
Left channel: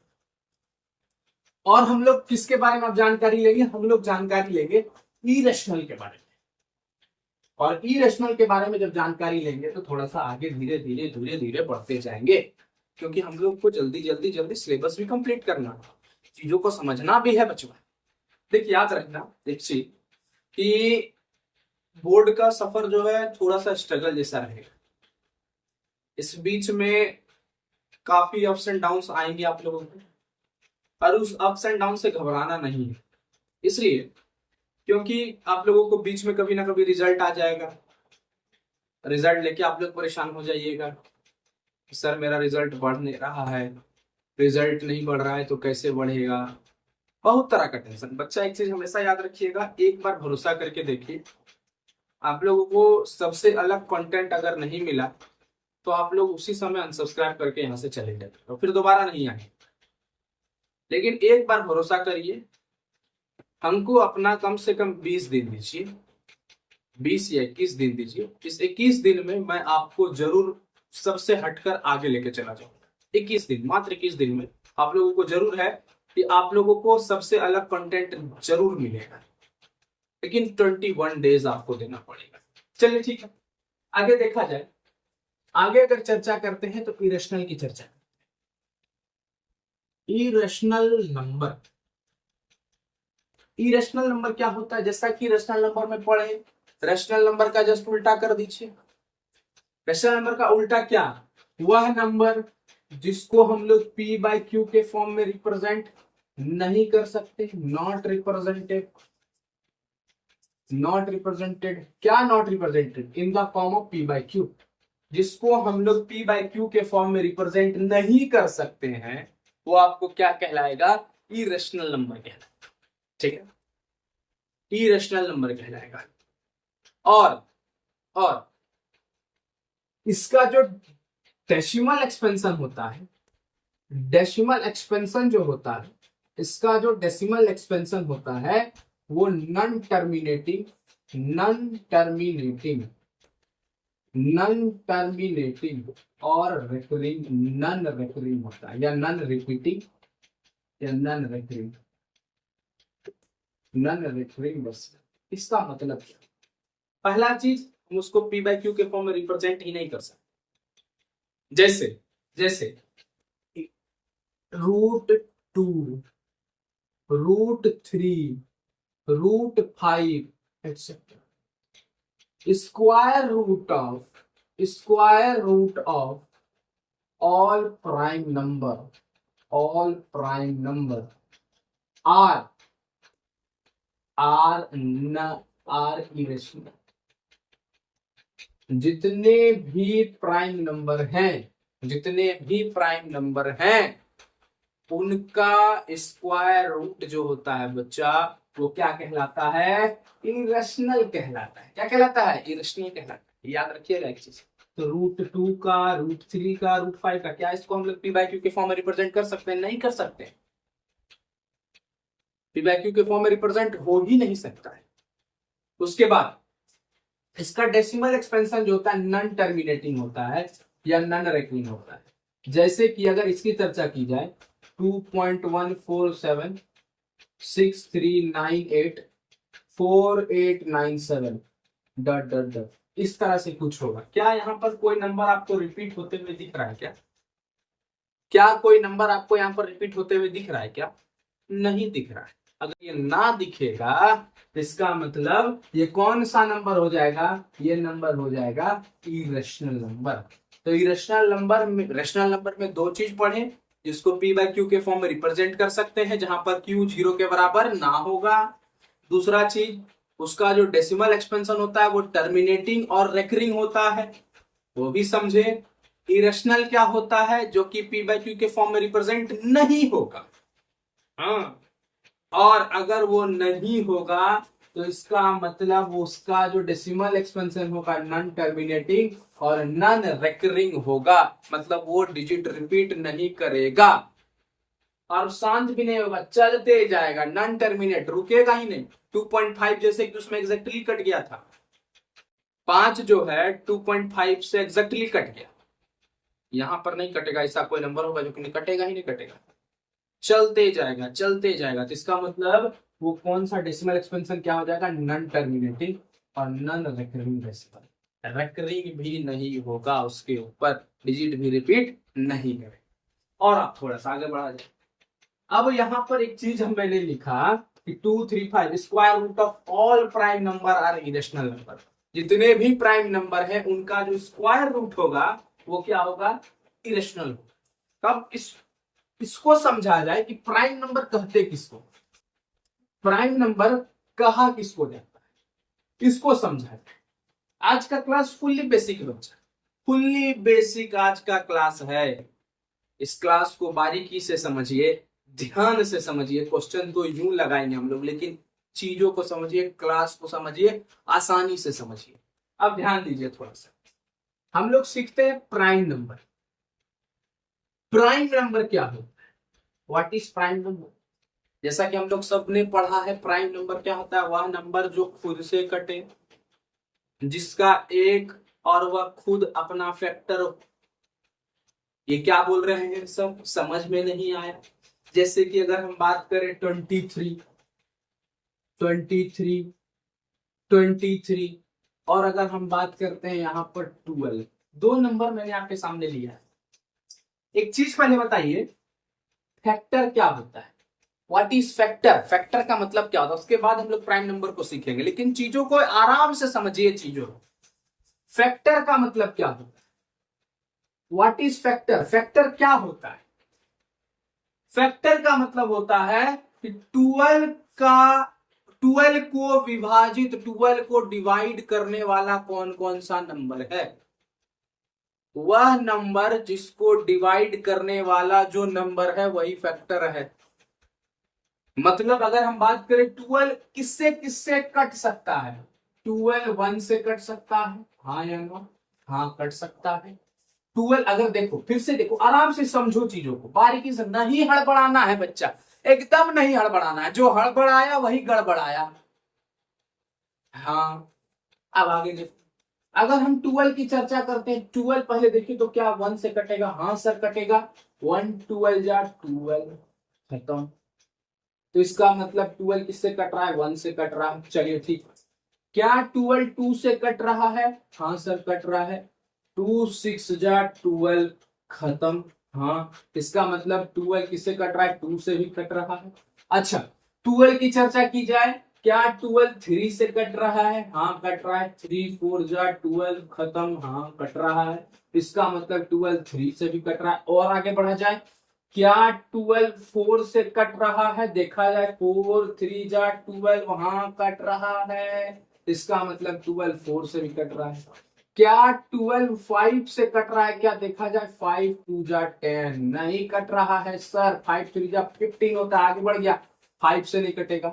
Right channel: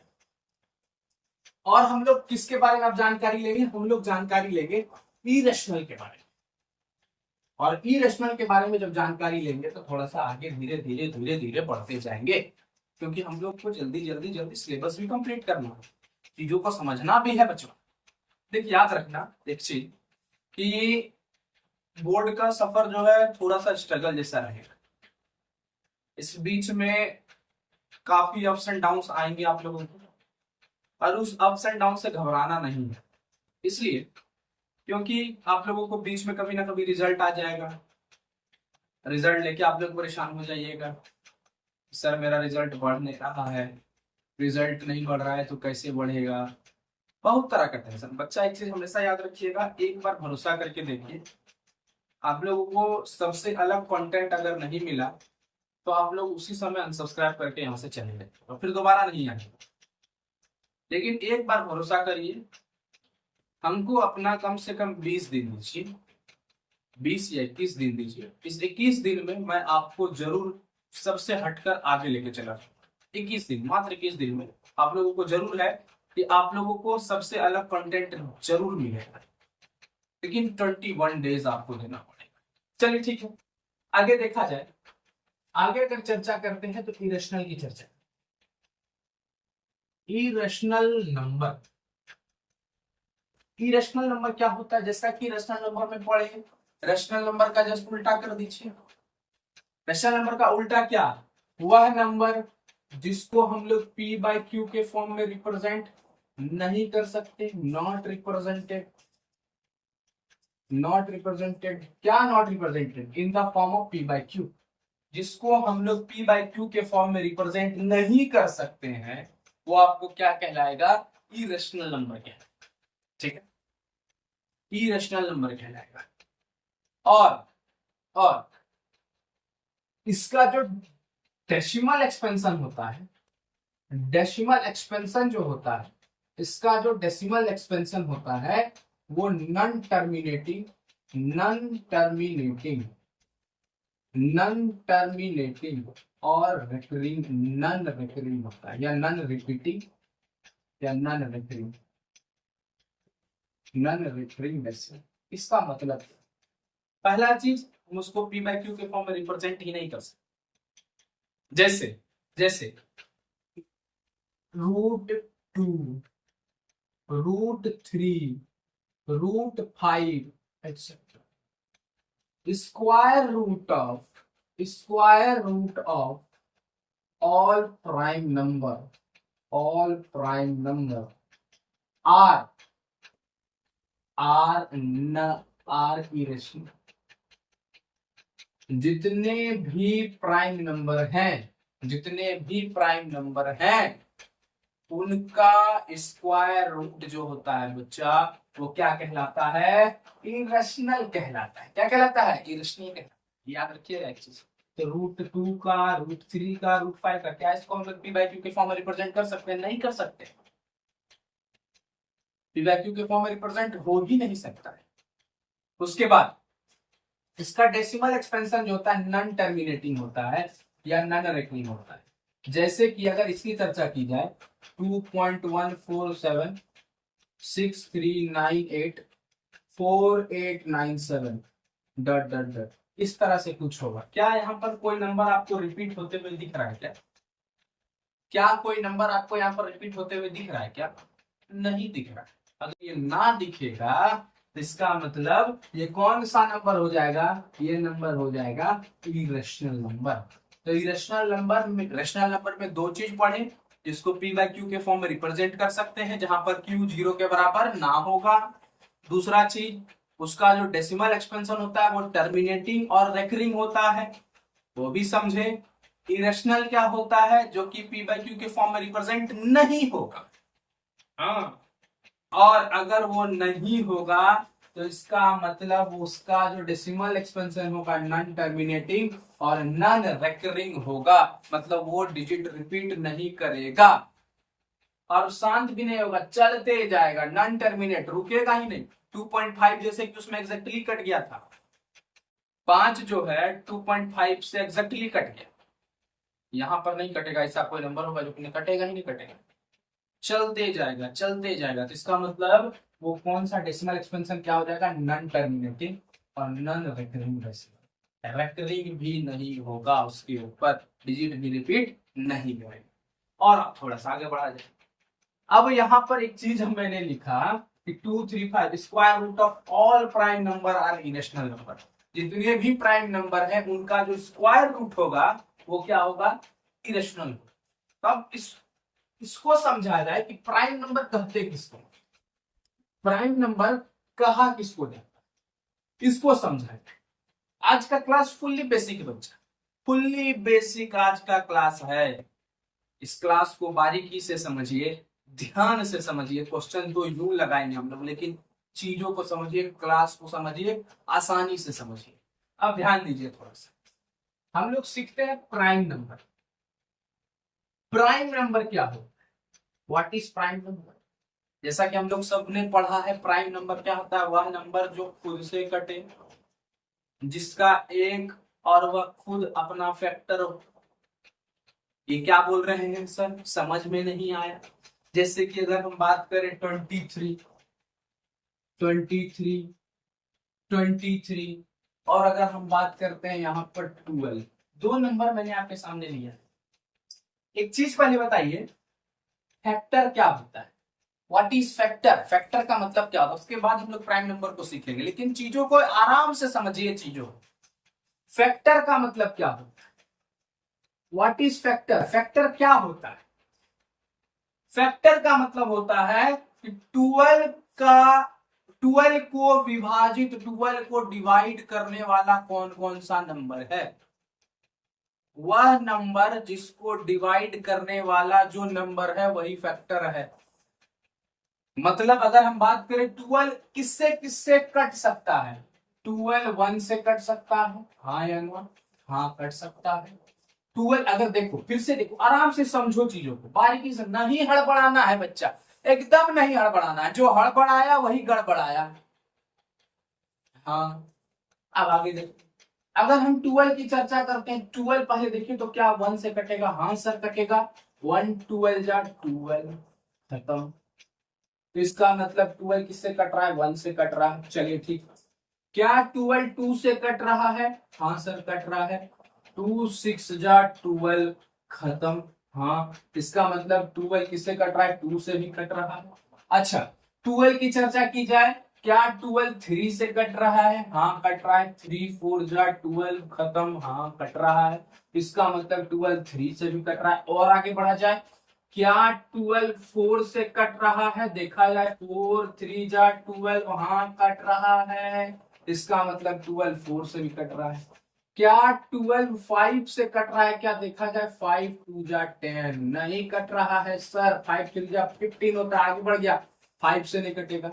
और हम लोग किसके बारे में अब जानकारी लेंगे, हम लोग जानकारी लेंगे इरेशनल के बारे में। और इरेशनल के बारे में जब जानकारी लेंगे तो थोड़ा सा आगे धीरे धीरे बढ़ते जाएंगे, क्योंकि हम लोग को जल्दी सिलेबस भी कंप्लीट करना है, चीजों को समझना भी है बच्चों। देखिए याद रखना एक चीज कि बोर्ड का सफर जो है थोड़ा सा स्ट्रगल जैसा रहेगा। इस बीच में काफी अप्स एंड डाउन्स आएंगे आप लोगों को, और उस अप्स एंड डाउन से घबराना नहीं है। इसलिए क्योंकि आप लोगों को बीच में कभी ना कभी रिजल्ट आ जाएगा, रिजल्ट लेके आप लोग परेशान हो जाइएगा, सर मेरा रिजल्ट बढ़ नहीं रहा है, रिजल्ट नहीं बढ़ रहा है तो कैसे बढ़ेगा, बहुत तरह का टेंशन। बच्चा एक चीज हमेशा याद रखिएगा, एक बार भरोसा करके देखिए, आप लोगों को सबसे अलग कंटेंट अगर नहीं मिला तो आप लोग उसी समय अनसब्सक्राइब करके यहाँ से चले जाए और फिर दोबारा नहीं आएंगे। लेकिन एक बार भरोसा करिए, हमको अपना कम से कम 20 दिन दीजिए, 20 या 21 दिन दीजिए। इस 21 दिन में मैं आपको जरूर सबसे हटकर आगे लेके चला जाऊंगा। 21 दिन, मात्र 21 दिन में आप लोगों को जरूर है कि आप लोगों को सबसे अलग कंटेंट जरूर मिलेगा, लेकिन 21 डेज आपको देना पड़ेगा। चलिए ठीक है, आगे देखा जाए। आगे अगर चर्चा करते हैं तो इरेशनल की चर्चा। इरेशनल नंबर, इरेशनल नंबर क्या होता है, जैसा कि रेशनल नंबर में पढ़े, रेशनल नंबर का जस्ट उल्टा कर दीजिए। रेशनल नंबर का उल्टा क्या, वह नंबर जिसको हम लोग p/q के फॉर्म में रिप्रेजेंट नहीं कर सकते, नॉट रिप्रेजेंटेड। नॉट रिप्रेजेंटेड, क्या not represented, in the form of p/q, जिसको हम लोग p/q के फॉर्म में रिप्रेजेंट नहीं कर सकते हैं, वो आपको क्या कहलाएगा, इरेशनल नंबर कहलाएगा। ठीक है, इरेशनल नंबर कहलाएगा। और इसका जो डेसिमल एक्सपेंशन होता है, डेसिमल एक्सपेंशन जो होता है, इसका जो डेसिमल एक्सपेंशन होता है वो नॉन टर्मिनेटिंग और रिकरिंग, नॉन रिकरिंग होता है, या नॉन रिपीटिंग या नॉन रिकरिंग डेसिमल। इसका मतलब क्या? पहला चीज, हम उसको पी बाई क्यू के फॉर्म में रिप्रेजेंट ही नहीं कर सकते। जैसे √2, √3, √5 etc. Square root of all prime number are irrational। जितने भी प्राइम नंबर हैं उनका स्क्वायर रूट जो होता है बच्चा, वो क्या कहलाता है, इरेशनल कहलाता है। क्या कहलाता है, इरेशनल कहलाता है। याद रखिएगा एक चीज, तो √2 का, √3 का, √5 का, क्या इसको हम लोग पी बाई क्यू के फॉर्म में रिप्रेजेंट कर सकते हैं? नहीं कर सकते। पी बाई क्यू के फॉर्म में रिप्रेजेंट हो ही नहीं सकता है। उसके बाद इसका डेसिमल एक्सपेंशन जो होता है नॉन टर्मिनेटिंग होता है या नॉन रिकरिंग होता है। जैसे कि अगर इसकी चर्चा की जाए 2.14763984897 ... इस तरह से कुछ होगा। क्या यहाँ पर कोई नंबर आपको रिपीट होते हुए दिख रहा है क्या कोई नंबर आपको यहाँ पर रिपीट होते हुए दिख रहा है क्या? नहीं दिख रहा है। अगर ये ना दिखेगा तो इसका मतलब ये कौन सा नंबर हो जाएगा, ये नंबर हो जाएगा इरेशनल नंबर। तो इरेशनल नंबर में दो चीज पढ़े, जिसको पी बाई क्यू के फॉर्म में रिप्रेजेंट कर सकते हैं, जहां पर क्यू 0 के बराबर ना होगा। दूसरा चीज, उसका जो डेसिमल एक्सपेंशन होता है वो टर्मिनेटिंग और रेकरिंग होता है, वो भी समझे। इरेशनल क्या होता है, जो कि पी बाई क्यू के फॉर्म में रिप्रेजेंट नहीं होगा। हाँ, और अगर वो नहीं होगा तो इसका मतलब उसका जो डेसिमल एक्सपेंशन होगा नॉन टर्मिनेटिंग और नॉन रेकरिंग होगा, मतलब वो डिजिट रिपीट नहीं करेगा और शांत भी नहीं होगा, चलते जाएगा, नॉन टर्मिनेट, रुकेगा ही नहीं। 2.5 जैसे कि उसमें एग्जैक्टली कट गया था, 5 जो है 2.5 से एग्जैक्टली कट गया, यहां पर नहीं कटेगा। ऐसा कोई नंबर होगा जो कि कटेगा ही नहीं कटेगा, चलते जाएगा। तो इसका मतलब वो कौन सा डेसिमल एक्सपेंशन क्या हो जाएगा, नॉन टर्मिनेटिंग और नॉन रिकरिंग डेसिमल। रिकरिंग भी नहीं होगा, उसके ऊपर डिजिट भी रिपीट नहीं करेगा। और आप थोड़ा सा आगे बढ़ा जाए। अब यहाँ पर एक चीज मैंने लिखा कि 2, 3, 5 square root of all prime number are irrational number. जितने भी प्राइम नंबर है उनका जो स्क्वायर रूट होगा वो क्या होगा, इरेशनल होगा। तब इसको समझा जाए कि प्राइम नंबर कहते किसको, प्राइम नंबर कहा किसको जाता है, इसको समझा जाए। आज का क्लास फुल्ली बेसिक बच्चा, फुल्ली बेसिक आज का क्लास है। इस क्लास को बारीकी से समझिए, ध्यान से समझिए। क्वेश्चन तो यूं लगाएंगे हम लोग, लेकिन चीजों को समझिए, क्लास को समझिए, आसानी से समझिए। अब ध्यान दीजिए थोड़ा सा, हम लोग सीखते हैं प्राइम नंबर। प्राइम नंबर क्या होता है, व्हाट इज प्राइम नंबर? जैसा कि हम लोग सबने पढ़ा है, प्राइम नंबर क्या होता है, वह नंबर जो खुद से कटे, जिसका एक और वह खुद अपना फैक्टर हो। ये क्या बोल रहे हैं सर, समझ में नहीं आया? जैसे कि अगर हम बात करें 23 और अगर हम बात करते हैं यहाँ पर 12, दो नंबर मैंने आपके सामने लिया है। एक चीज पहले बताइए, फैक्टर क्या होता है, व्हाट इज फैक्टर? फैक्टर का मतलब क्या होता है, उसके बाद हम लोग प्राइम नंबर को सीखेंगे, लेकिन चीजों को आराम से समझिए। चीजों फैक्टर का मतलब क्या होता है, व्हाट इज फैक्टर? फैक्टर क्या होता है? फैक्टर का मतलब होता है कि 12 को विभाजित, 12 को डिवाइड करने वाला कौन कौन सा नंबर है, वह नंबर जिसको डिवाइड करने वाला जो नंबर है वही फैक्टर है। मतलब अगर हम बात करें 12 किससे किससे कट सकता है, 12 1 से कट सकता है, हाँ या ना, हाँ कट सकता है। 12 अगर देखो, फिर से देखो, आराम से समझो चीजों को, बारीकी से, नहीं हड़बड़ाना है बच्चा, एकदम नहीं हड़बड़ाना है, जो हड़बड़ाया वही गड़बड़ाया। हाँ अब आगे देखो, अगर हम 12 की चर्चा करते हैं, 12 पहले देखिए तो क्या 1 से कटेगा, हाँ सर कटेगा, 1 12 जा 12 खत्म। तो इसका मतलब 12 किससे कट रहा है, 1 से कट रहा है। चलिए ठीक, क्या 12 2 से कट रहा है, हाँ सर कट रहा है, 2 6 जा 12 खत्म। हाँ इसका मतलब 12 किससे कट रहा है, 2 से भी कट रहा है। अच्छा 12 की चर्चा की जाए, क्या 12 3 से कट रहा है, हाँ कट रहा है, 3 4 जा 12 खत्म, हाँ कट रहा है। इसका मतलब 12 3 से भी कट रहा है। और आगे बढ़ा जाए, क्या 12 4 से कट रहा है, देखा जाए 4 3 जा 12, हाँ कट रहा है। इसका मतलब 12 4 से भी कट रहा है। क्या 12 5 से कट रहा है, क्या देखा जाए, 5 2 जा 10, नहीं कट रहा है सर, 5 3 जा 15 होता है, आगे बढ़ गया, 5 से नहीं कटेगा।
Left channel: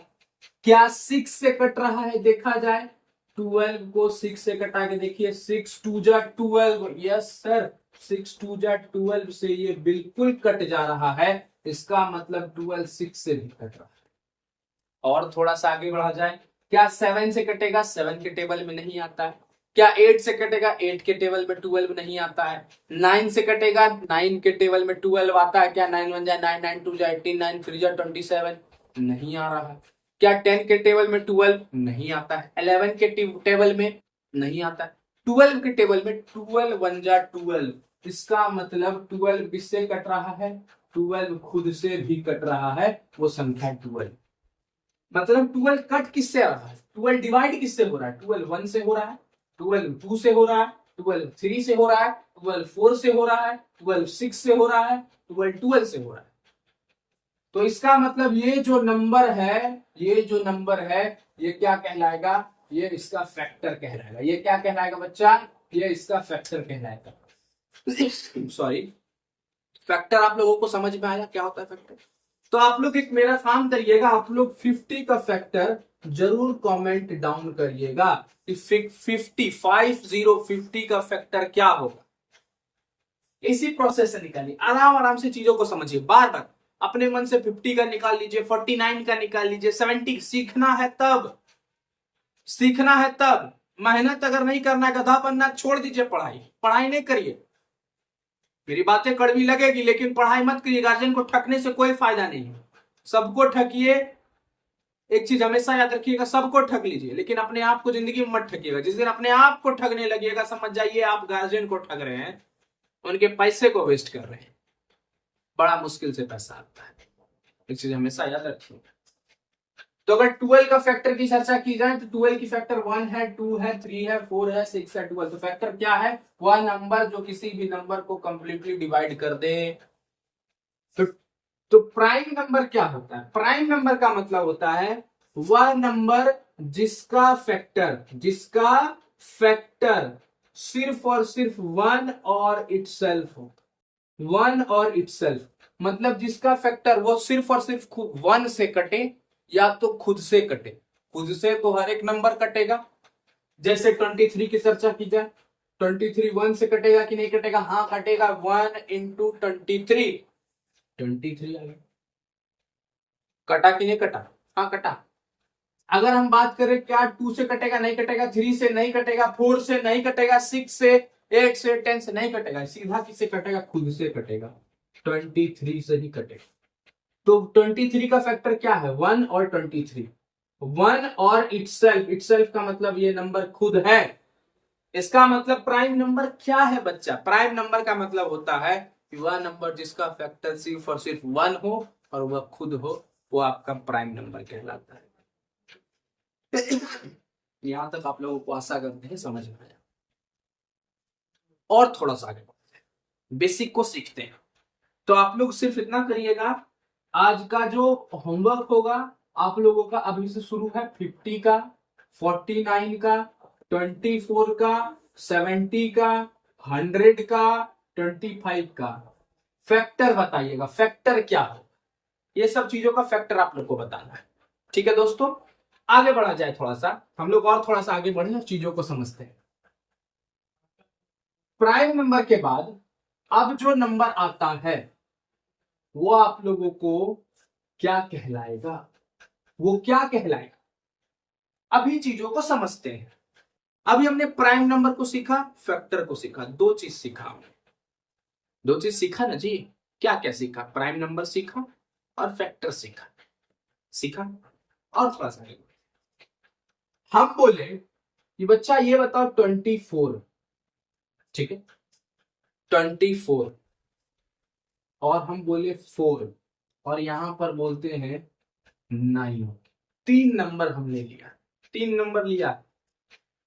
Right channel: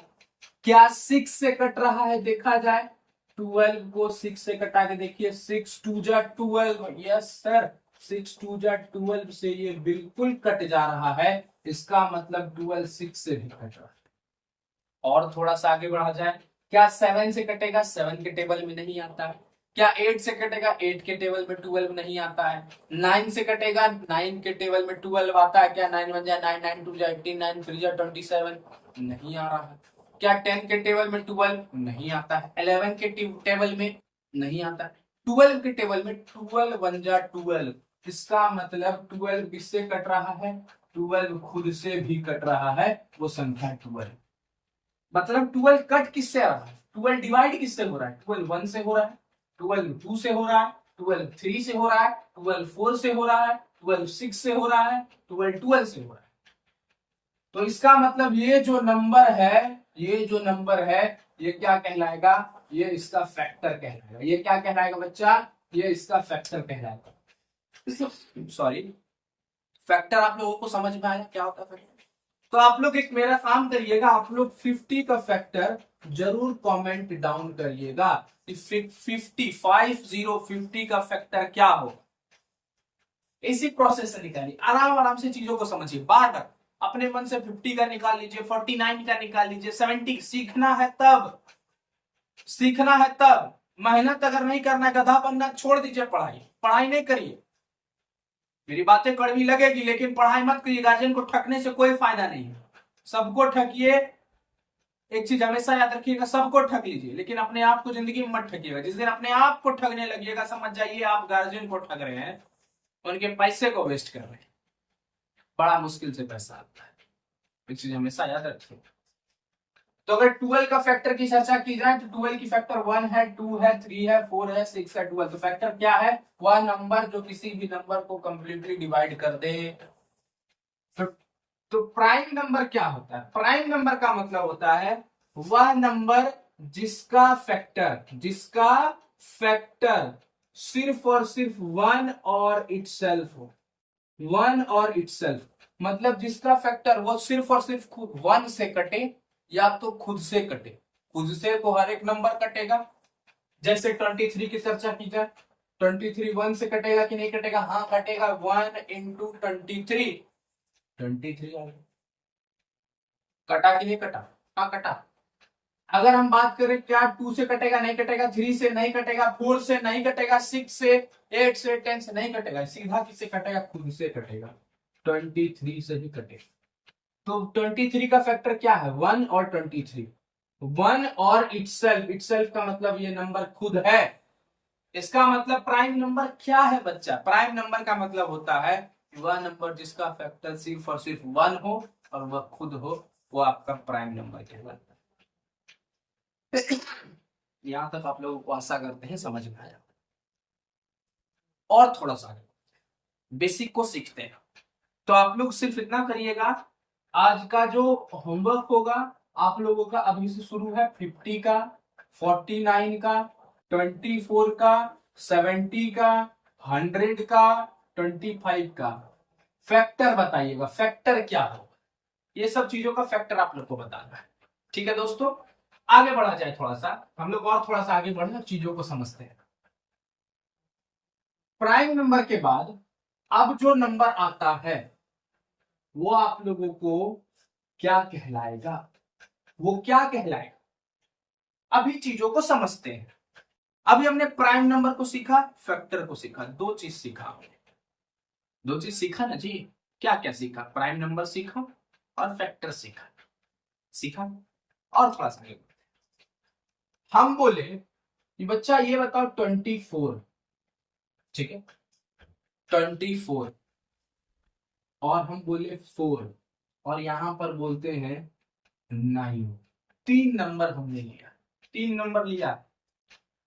क्या 6 से कट रहा है, देखा जाए 12 को 6 से कटा के देखिए, 6 2 जा 12, यस सर 6 2 जा 12 से ये बिल्कुल कट जा रहा है। इसका मतलब 12 6 से भी कट रहा है। और थोड़ा सा आगे बढ़ा जाए, क्या 7 से कटेगा, 7 के टेबल में नहीं आता है। क्या 8 से कटेगा, 8 के टेबल में 12 नहीं आता है। 9 से कटेगा, 9 के टेबल में 12 आता है, क्या 9 1 जा 9 9 2 जा 18 9 3 जा 27, नहीं आ रहा है। क्या 10 के टेबल में 12 नहीं आता है, 11 के टेबल में नहीं आता है, 12 के टेबल में 12 1 जा 12। इसका मतलब 12 किससे कट रहा है, 12 खुद से भी कट रहा है, वो संख्या 12। मतलब 12 कट किससे रहा है, 12 डिवाइड किससे हो रहा है, 12 1 से हो रहा है, 12 2 से हो रहा है, 12 3 से हो रहा है, 12 4 से हो रहा है, 12 6 से हो रहा है, 12 12 से हो रहा है। तो इसका मतलब ये जो नंबर है, ये जो नंबर है, ये क्या कहलाएगा, ये इसका फैक्टर कहलाएगा। ये क्या कहलाएगा बच्चा, ये इसका फैक्टर कहलाएगा। सॉरी, फैक्टर आप लोगों को समझ में आया क्या होता है फैक्टर। तो आप लोग एक मेरा काम करिएगा, आप लोग 50 का फैक्टर जरूर कमेंट डाउन करिएगा कि 50 का फैक्टर क्या होगा। इसी प्रोसेस से निकालिए, आराम आराम से चीजों को समझिए, बार बार अपने मन से 50 का निकाल लीजिए, 49 का निकाल लीजिए, 70। सीखना है तब, सीखना है तब, मेहनत अगर नहीं करना है, गधा बनना, छोड़ दीजिए पढ़ाई, पढ़ाई नहीं करिए। मेरी बातें कड़वी लगेगी लेकिन पढ़ाई मत करिए, गार्जियन को ठगने से कोई फायदा नहीं है। सबको ठगिए, एक चीज हमेशा याद रखिएगा, सबको ठग लीजिए लेकिन अपने आप को जिंदगी में मत ठगिएगा। जिस दिन अपने आप को ठगने लगिएगा समझ जाइए आप गार्जियन को ठग रहे हैं, उनके पैसे को वेस्ट कर रहे हैं। बड़ा मुश्किल से पैसा आता है, एक चीज हमेशा याद रखिएगा। तो अगर 12 का फैक्टर की चर्चा की जाए तो 12 की फैक्टर 1 है, 2 है, 3 है, 4 है, 6 है, 12। तो फैक्टर क्या है, वह नंबर जो किसी भी नंबर को कंप्लीटली डिवाइड कर दे। तो प्राइम नंबर क्या होता है, प्राइम नंबर का मतलब होता है वह नंबर जिसका फैक्टर सिर्फ और सिर्फ 1 और इटसेल्फ हो। 1 और इटसेल्फ मतलब जिसका फैक्टर वो सिर्फ और सिर्फ 1 से कटे या तो खुद से कटे। खुद से तो हर एक नंबर कटेगा, जैसे 23 की चर्चा की जाए, 23 1 से कटेगा कि नहीं कटेगा, हाँ कटेगा, 1 इंटू 23 23 आ गया। कटा कि नहीं कटा, हाँ कटा। अगर हम बात करें क्या 2 से कटेगा, नहीं कटेगा, 3 से नहीं कटेगा, 4 से नहीं कटेगा, 6 से, 8 से, 10 से नहीं कटेगा, सीधा किससे कटेगा, खुद से कटेगा, 23 से ही कटेगा। तो 23 का फैक्टर क्या है, 1 और 23, 1 और इटसेल्फ का मतलब ये नंबर खुद है। इसका मतलब प्राइम नंबर क्या है बच्चा, प्राइम नंबर का मतलब होता है कि वह नंबर जिसका फैक्टर सिर्फ और सिर्फ 1 हो और वह खुद हो, वो आपका प्राइम नंबर कहलाता है। यहां तक आप लोगों को आशा करते हैं समझ में आया। और थोड़ा सा आगे बेसिक को सीखते हैं। तो आप लोग सिर्फ इतना करिएगा, आज का जो होमवर्क होगा आप लोगों का अभी से शुरू है, 50 का, 49 का, 24 का, 70 का, 100 का, 25 का फैक्टर बताइएगा, फैक्टर क्या हो, ये सब चीजों का फैक्टर आप लोग को बताना है। ठीक है दोस्तों, आगे बढ़ा जाए थोड़ा सा, हम लोग और थोड़ा सा आगे बढ़े चीजों को समझते हैं। प्राइम नंबर के बाद अब जो नंबर आता है वो आप लोगों को क्या कहलाएगा, वो क्या कहलाएगा, अभी चीजों को समझते हैं। अभी हमने प्राइम नंबर को सीखा, फैक्टर को सीखा, दो चीज सीखा हमने, दो चीज सीखा ना जी। क्या क्या सीखा, प्राइम नंबर सीखा और फैक्टर सीखा, सीखा। और थोड़ा सा हम बोले कि बच्चा ये बताओ 24, ठीक है 24, और हम बोले 4, और यहां पर बोलते हैं 9, 3 नंबर हमने लिया, 3 नंबर लिया,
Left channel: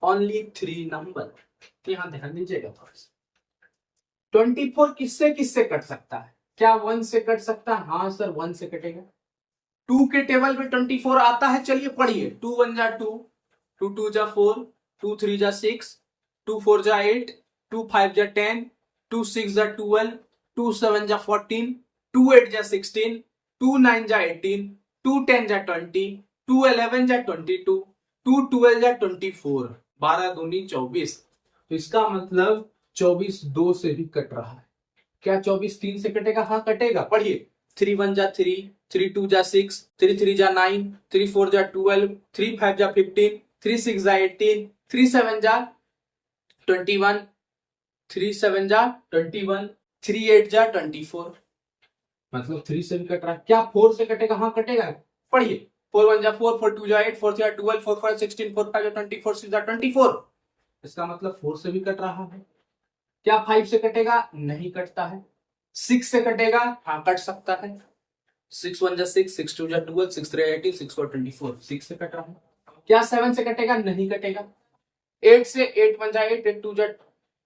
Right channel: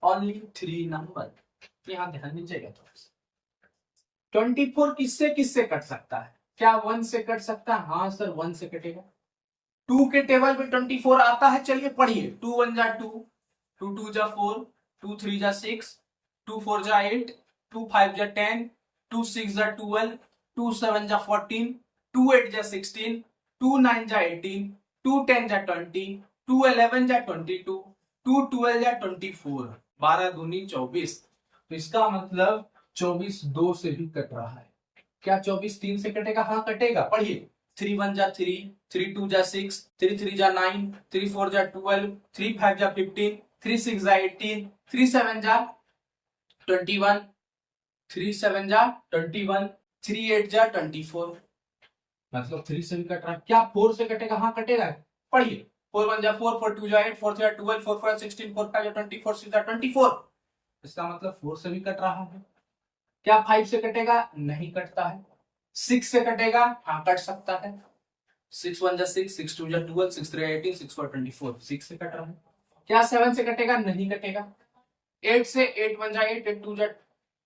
ओनली 3 नंबर। तो यहां ध्यान दीजिएगा फर्स्ट, 24 किससे किससे कट सकता है, क्या 1 से कट सकता है, हाँ सर 1 से कटेगा। 2 के टेबल में 24 आता है, चलिए पढ़िए, 2 1 जा 2, 2 2 जा 4, 2 3 जा 6, 2 4 जा 8, 2 5 जा 10, 2 6 जा 12, 2 7 जा 14, 2 8 जा 16, 2 9 जा 18, 2 10 जा 20, 2 11 जा 22, 2 12 जा 24, 12 दूनी 24। तो इसका मतलब 24 2 से भी कट रहा है। क्या 24 3 से कटेगा, हाँ कटेगा, पढ़िए, 3 1 जा 3, 3 2 जा 6, 3 3 जा 9, 3 4 जा 12, 3 5 जा 15, 3 6 जा 18, 3 7 जा 21, 3 7 जा 21, 3 8 जा 24। मतलब 3 से भी कट रहा है। क्या 4 से कटेगा, हाँ कटेगा, पढ़िए, 4 1 जा 4, 4 2 जा 8, 4 3 जा 12, 4 4 16, 4 5 जा 20, 4 6 जा 24। इसका मतलब 4 से भी कट रहा है। क्या 5 से कटेगा, नहीं कटता है। 6 से कटेगा, हाँ कट सकता है, 6 1 जा 6, 6 2 जा 12, 6 3 18, 6 4 24, 6 से कट रहा है। क्या 7 से कटेगा, नहीं कटेगा। 8 से 8 1 जा 8, 8 2 जा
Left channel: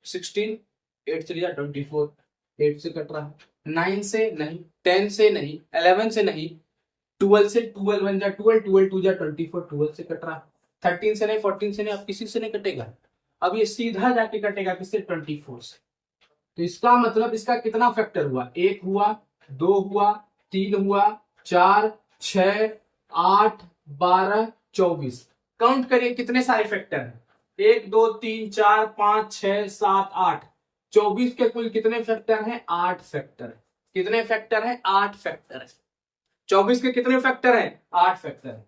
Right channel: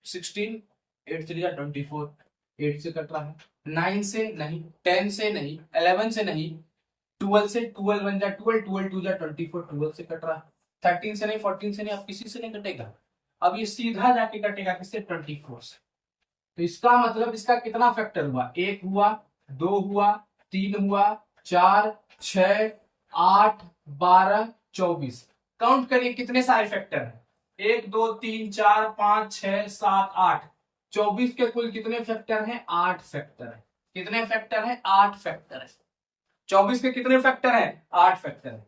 16, 8 3 जा 24, 8 से कट रहा है। 9 से नहीं, 10 से नहीं, 11 से नहीं, 12 से, 12 1 जा 12, 12 2 जा 24, 12 से कट रहा है। 13 से नहीं, 14 से नहीं, अब किसी से नहीं कटेगा, अब ये सीधा जाके कटेगा किससे, 24 से। तो इसका मतलब इसका कितना फैक्टर हुआ, 1 हुआ, 2 हुआ, 3 हुआ, 4 6 8 12 24। काउंट करिए कितने सारे फैक्टर हैं, 1 2 3 4 5 6 7 8, 24 के कुल कितने फैक्टर हैं, 8 फैक्टर है। कितने फैक्टर है, 8 फैक्टर है। 24 के कितने फैक्टर है, 8 फैक्टर है।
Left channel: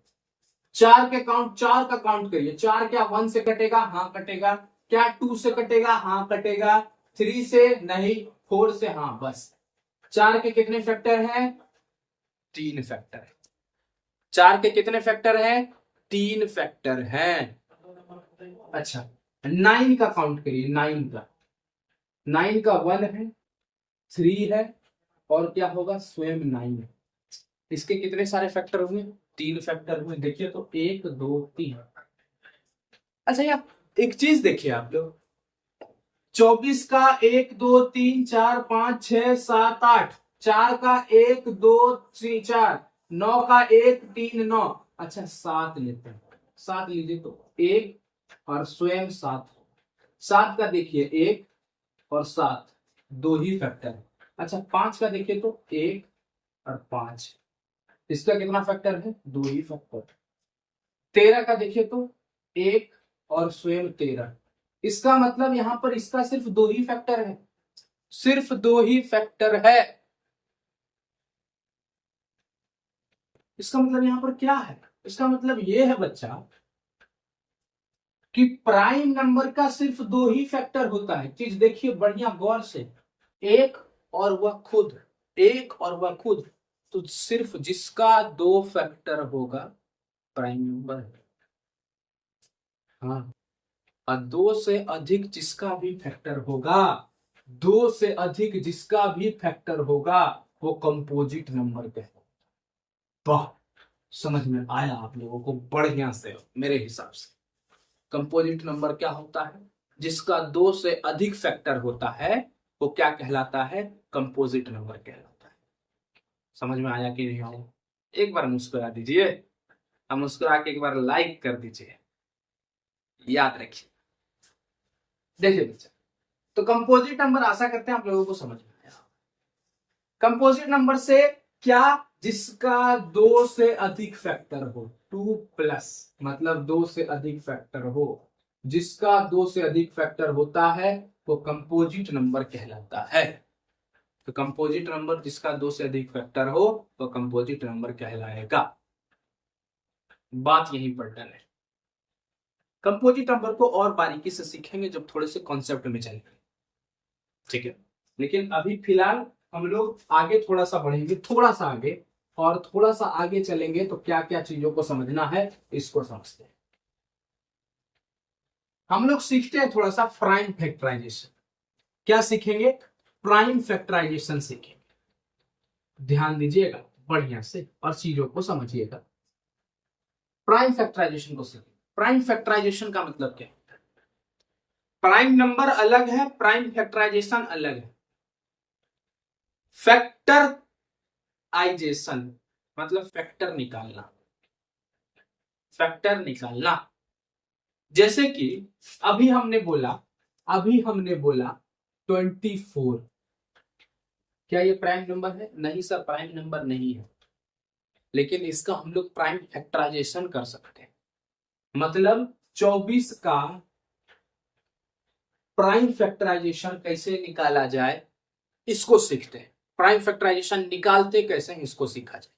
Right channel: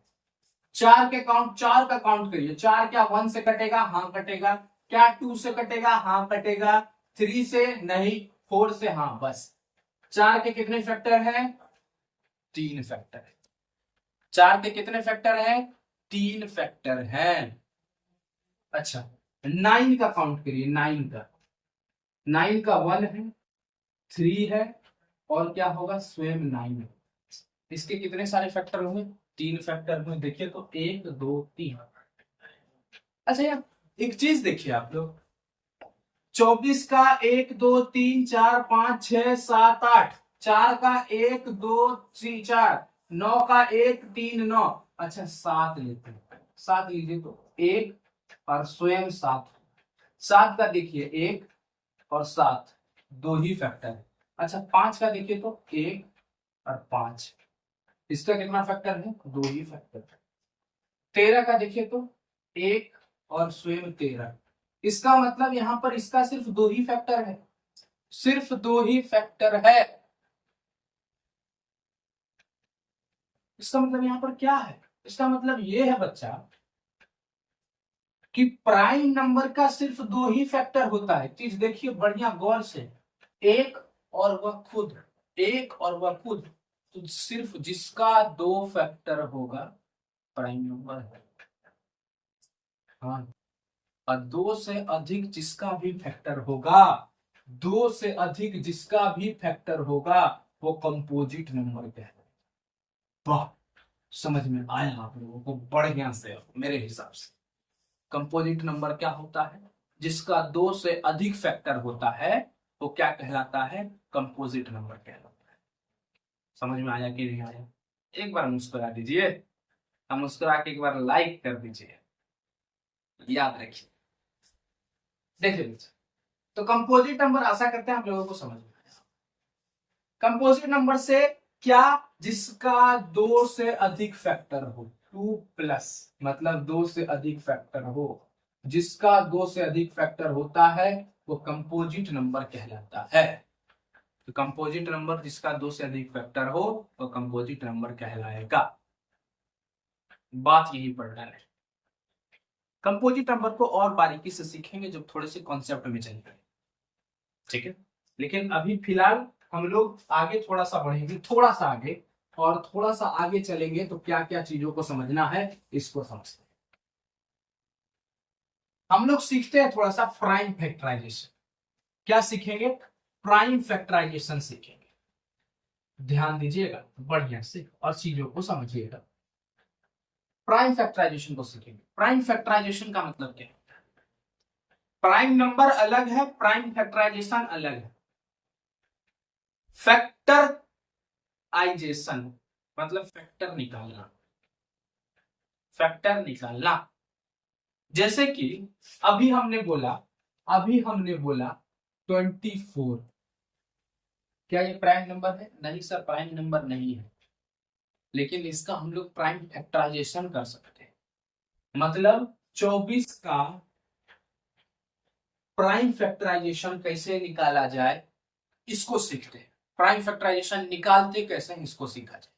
4 के काउंट, 4 का काउंट करिए, 4 क्या 1 से कटेगा, हाँ कटेगा। क्या 2 से कटेगा, हाँ कटेगा। 3 से नहीं, 4 से हाँ, बस। 4 के कितने फैक्टर है, 3 फैक्टर है। 4 के कितने फैक्टर है, 3 फैक्टर है। अच्छा 9 का काउंट करिए, 9 का, 9 का 1 है, 3 है, और क्या होगा, स्वयं 9 है। इसके कितने सारे फैक्टर हुए, 3 फैक्टर हुए। देखिए तो 1 2 3। अच्छा यार एक चीज देखिए आप लोग, 24 का 1 2 3 4 5 6 7 8, 4 का 1 2 3 4, 9 का 1 3 9, अच्छा 7 लेते हैं, 7 लीजिए तो 1 और स्वयं 7, 7 का देखिए 1 और 7 दो ही फैक्टर है। अच्छा 5 का देखिए तो 1 और 5, इसका कितना फैक्टर है, 2 ही फैक्टर। 13 का देखिए तो 1 और स्वयं 13, इसका मतलब यहां पर इसका सिर्फ 2 ही फैक्टर है, सिर्फ 2 ही फैक्टर है। इसका मतलब यहां पर क्या है, इसका मतलब यह है बच्चा कि प्राइम नंबर का सिर्फ 2 ही फैक्टर होता है। चीज देखिए बढ़िया गौर से, एक और वह खुद, एक और वह खुद, तो सिर्फ जिसका 2 फैक्टर होगा प्राइम नंबर है। हाँ, और 2 से अधिक जिसका भी फैक्टर होगा, 2 से अधिक जिसका भी फैक्टर होगा वो कंपोजिट नंबर कहलाएगा। वाह, समझ में आया आप लोगों को बढ़िया से। मेरे हिसाब से कंपोजिट नंबर क्या होता है, जिसका 2 से अधिक फैक्टर होता है वो क्या कहलाता है, कंपोजिट नंबर कहलाता है। समझ में आया कि नहीं आया, एक बार मुस्कुरा दीजिए, हम मुस्कुरा के एक बार लाइक कर दीजिए, याद रखिए। देखिए बच्चा, तो कंपोजिट नंबर आशा करते हैं आप लोगों को समझ में आया। कंपोजिट नंबर से क्या, जिसका 2 से अधिक फैक्टर हो, 2+ मतलब 2 से अधिक फैक्टर हो, जिसका 2 से अधिक फैक्टर होता है वो कंपोजिट नंबर कहलाता है। तो कंपोजिट नंबर जिसका 2 से अधिक फैक्टर हो वो कंपोजिट नंबर कहलाएगा। बात यहीं पर डन है। कंपोजिट नंबर को और बारीकी से सीखेंगे जब थोड़े से कॉन्सेप्ट में चलेंगे, ठीक है। लेकिन अभी फिलहाल हम लोग आगे थोड़ा सा बढ़ेंगे, थोड़ा सा आगे, और थोड़ा सा आगे चलेंगे तो क्या क्या चीजों को समझना है इसको समझते हैं। हम लोग सीखते हैं थोड़ा सा प्राइम फैक्टराइजेशन। क्या सीखेंगे? प्राइम फैक्टराइजेशन सीखेंगे। ध्यान दीजिएगा बढ़िया से और चीजों को समझिएगा। प्राइम फैक्टराइजेशन को सीखेंगे। प्राइम फैक्टराइजेशन का मतलब क्या है? प्राइम नंबर अलग है, प्राइम फैक्टराइजेशन अलग है। फैक्टराइजेशन मतलब फैक्टर निकालना, फैक्टर निकालना। जैसे कि अभी हमने बोला 24। क्या ये प्राइम नंबर है? नहीं सर, प्राइम नंबर नहीं है, लेकिन इसका हम लोग प्राइम फैक्टराइजेशन कर सकते हैं। मतलब 24 का प्राइम फैक्टराइजेशन कैसे निकाला जाए इसको सीखते हैं। प्राइम फैक्टराइजेशन निकालते कैसे हैं इसको सीखा जाए।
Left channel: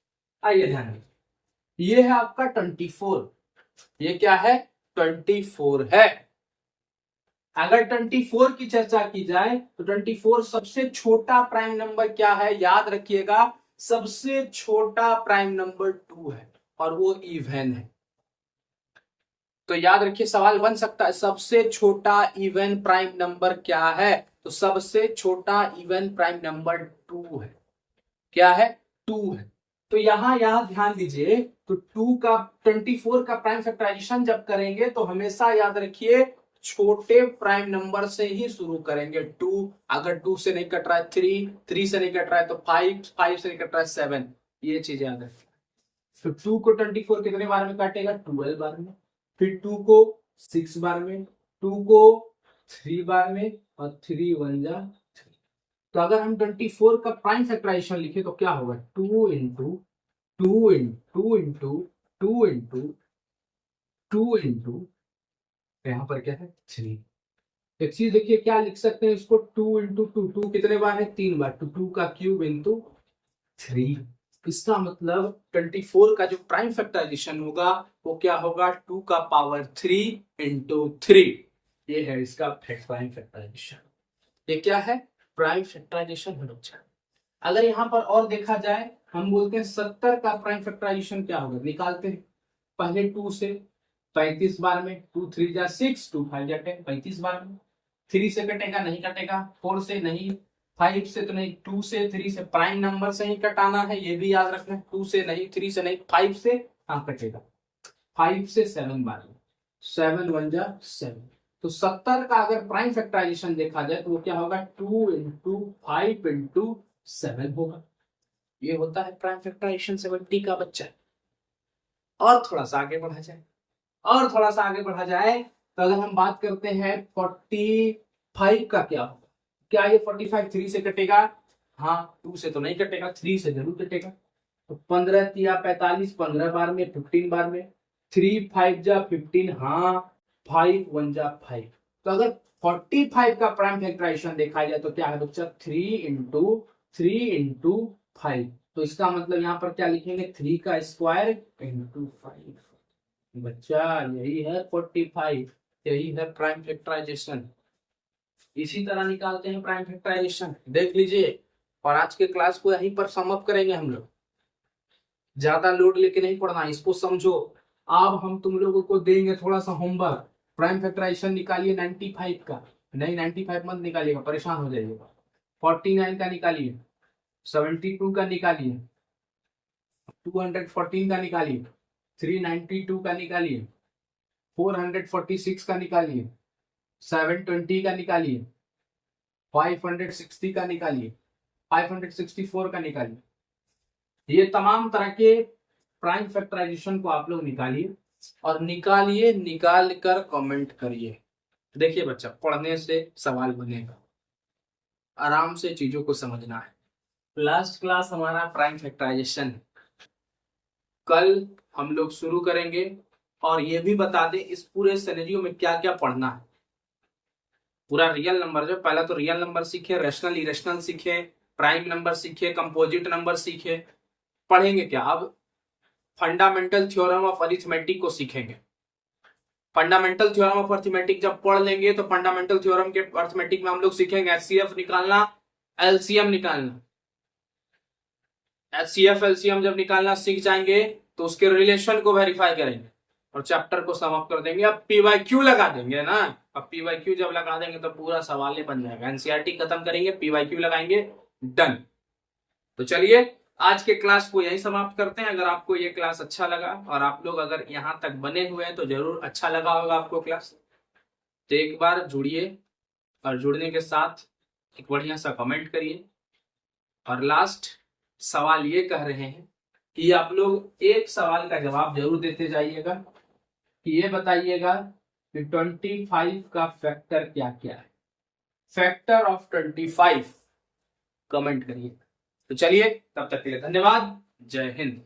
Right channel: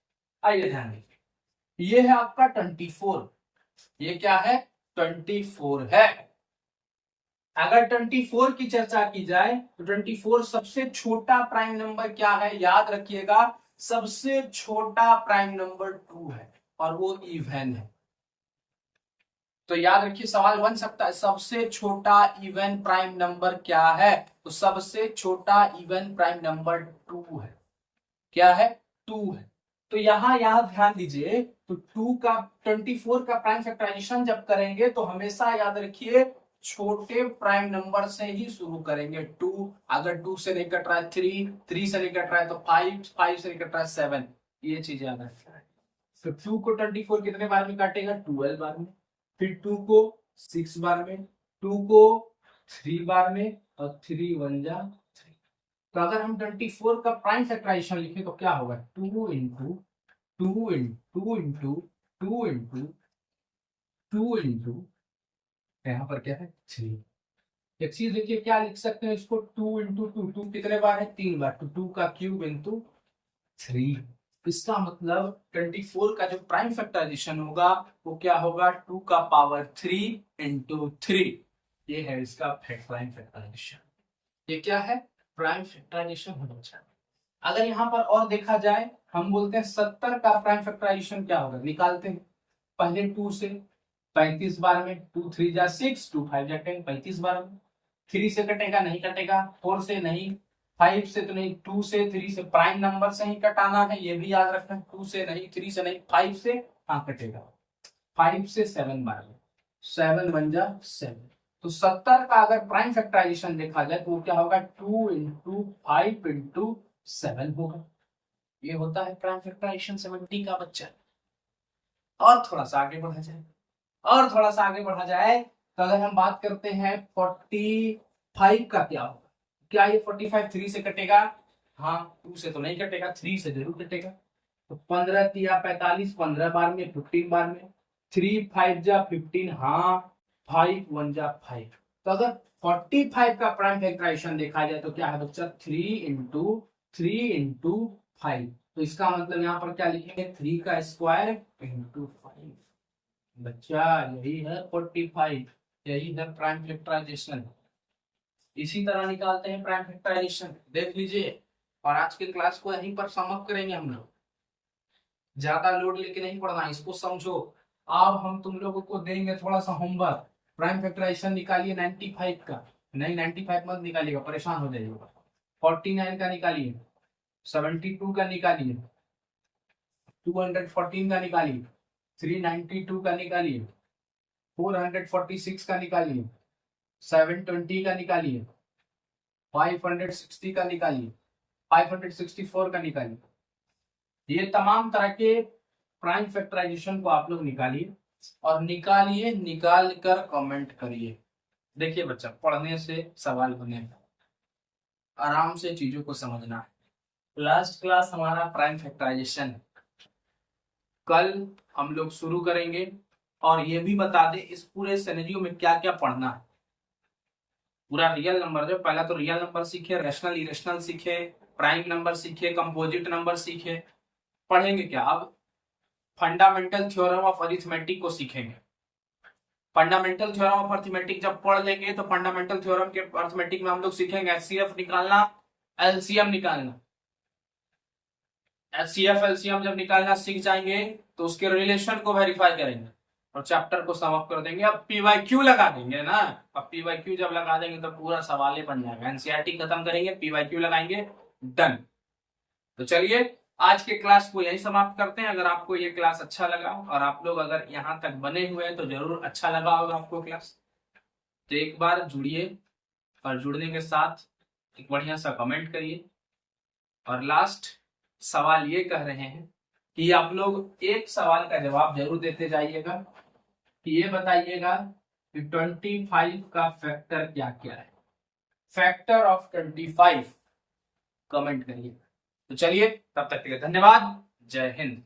आइए ध्यान दीजिए, ये है आपका 24। ये क्या है? 24 है। अगर 24 की चर्चा की जाए तो 24 सबसे छोटा प्राइम नंबर क्या है? याद रखिएगा, सबसे छोटा प्राइम नंबर 2 है और वो इवन है। तो याद रखिए, सवाल बन सकता है सबसे छोटा इवन प्राइम नंबर क्या है? तो सबसे छोटा इवन प्राइम नंबर 2 है। क्या है? 2 है। तो यहां ध्यान दीजिए, तो 24 का प्राइम फैक्टराइजेशन जब करेंगे तो हमेशा याद रखिए छोटे प्राइम नंबर से ही शुरू करेंगे। 2, अगर 2 से नहीं कट रहा है 3 से नहीं कट रहा है तो 5 से नहीं कट रहा है 7। ये चीज याद रखना है। तो 2 को 24 कितने बार में काटेगा? 12 बार में। फिर 2 को 6 बार में, 2 को 3 बार में, और 3 1 जा 3। तो अगर हम 24 का प्राइम फैक्टराइजेशन लिखे तो क्या होगा? 2 into 2 into 2 into 2 into 2 into, यहाँ पर क्या है? 3। एक चीज देखिए, क्या लिख सकते हैं इसको? 2 इंटू 2 कितने बार है? 3 बार। तो 2 का क्यूब इंटू 3। इसका मतलब 24 का जो प्राइम फैक्टराइजेशन होगा वो क्या होगा? 2 का पावर 3 इंटू 3। ये है इसका प्राइम फैक्टराइजेशन। ये क्या है? प्राइम फैक्टराइजेशन होना चाहिए। अगर यहाँ पर और देखा जाए, हम बोलते हैं 70 का प्राइम फैक्टराइजेशन क्या होगा? निकालते हैं पहले 2 से 35 बार में, 2 3 जा 6, 2 5 जा 10, 35 बार में। 3 से कटेगा? नहीं कटेगा। 4 से नहीं, 5 से तो नहीं, 2 से 3 से, प्राइम नंबर से ही कटाना है, ये भी याद रखना है। 2 से नहीं, 3 से नहीं, 5 से हाँ कटेगा। 5 से 7 बार में, 7 1 जा 7। तो 70 का अगर प्राइम फैक्टराइजेशन देखा जाए तो वो क्या होगा? 2 इंटू 5 इंटू 7 होगा। ये होता है प्राइम फैक्टराइजेशन 70 का बच्चा। और थोड़ा सा आगे बढ़ा जाए, तो अगर हम बात करते हैं 45 का क्या होगा? क्या ये 45 3 से कटेगा? हाँ, 2 से तो नहीं कटेगा, 3 से जरूर कटेगा। तो 15 या 45, 15 बार में, 15 बार में। 3 5 जा 15, हाँ, 5 1 जा 5। तो अगर 45 का प्राइम फैक्टराइजेशन देखा जाए तो क्या है बच्चा? 3 इंटू 5। तो इसका मतलब यहाँ पर क्या लिखेंगे? 3 का स्क्वायर इंटू 5। बच्चा यही है 45, यही है प्राइम फैक्टराइजेशन। इसी तरह निकालते हैं प्राइम फैक्टराइजेशन, देख लीजिए। और आज के क्लास को यहीं पर सम अप करेंगे हम लोग। ज्यादा लोड लेके नहीं पढ़ना, इसको समझो। अब हम तुम लोगों को देंगे थोड़ा सा होमवर्क। प्राइम फैक्टराइजेशन निकालिए 95 का। नहीं, 95 मत निकालिएगा, परेशान हो जाइएगा। 49 का निकालिए, 72 का निकालिए, 214 का निकालिए, 392 का निकालिए, 446 का निकालिए, 720 का निकालिए, 560 का निकालिए, 564 का निकालिए। ये तमाम तरह के प्राइम फैक्टराइजेशन को आप लोग निकालिए, और निकाल कर कमेंट करिए। देखिए बच्चा, पढ़ने से सवाल बनेगा। आराम से चीजों को समझना है। लास्ट क्लास हमारा प्राइम फैक्टराइजेशन है, कल हम लोग शुरू करेंगे। और ये भी बता दें इस पूरे सिनेरियो में क्या क्या पढ़ना है। पूरा रियल नंबर, जो पहला तो रियल नंबर सीखे, रैशनल इरेशनल सीखे, प्राइम नंबर सीखे, कंपोजिट नंबर सीखे। पढ़ेंगे क्या अब, फंडामेंटल थ्योरम ऑफ अरिथमेटिक को सीखेंगे। फंडामेंटल थ्योरम ऑफ अरिथमेटिक जब पढ़ लेंगे तो फंडामेंटल थ्योरम के अरिथमेटिक में हम लोग सीखेंगे एचसीएफ निकालना, एलसीएम निकालना। एचसीएफ एलसीएम जब निकालना सीख जाएंगे तो उसके रिलेशन को वेरीफाई करेंगे और चैप्टर को समाप्त कर देंगे। अब पीवाईक्यू लगा देंगे ना, अब पीवाईक्यू जब लगा देंगे तो पूरा सवाल ही बन जाएगा। एनसीईआरटी खत्म करेंगे, पीवाईक्यू लगाएंगे, डन। तो चलिए आज के क्लास को यही समाप्त करते हैं। अगर आपको ये क्लास अच्छा लगा और आप लोग अगर यहाँ तक बने हुए हैं तो जरूर अच्छा लगा होगा आपको क्लास। तो एक बार जुड़िए और जुड़ने के साथ एक बढ़िया सा कमेंट करिए। और लास्ट सवाल ये कह रहे हैं कि आप लोग एक सवाल का जवाब जरूर देते जाइएगा कि ये बताइएगा कि 25 का फैक्टर क्या क्या है। फैक्टर ऑफ 25 कमेंट करिए। तो चलिए तब तक के लिए धन्यवाद, जय हिंद।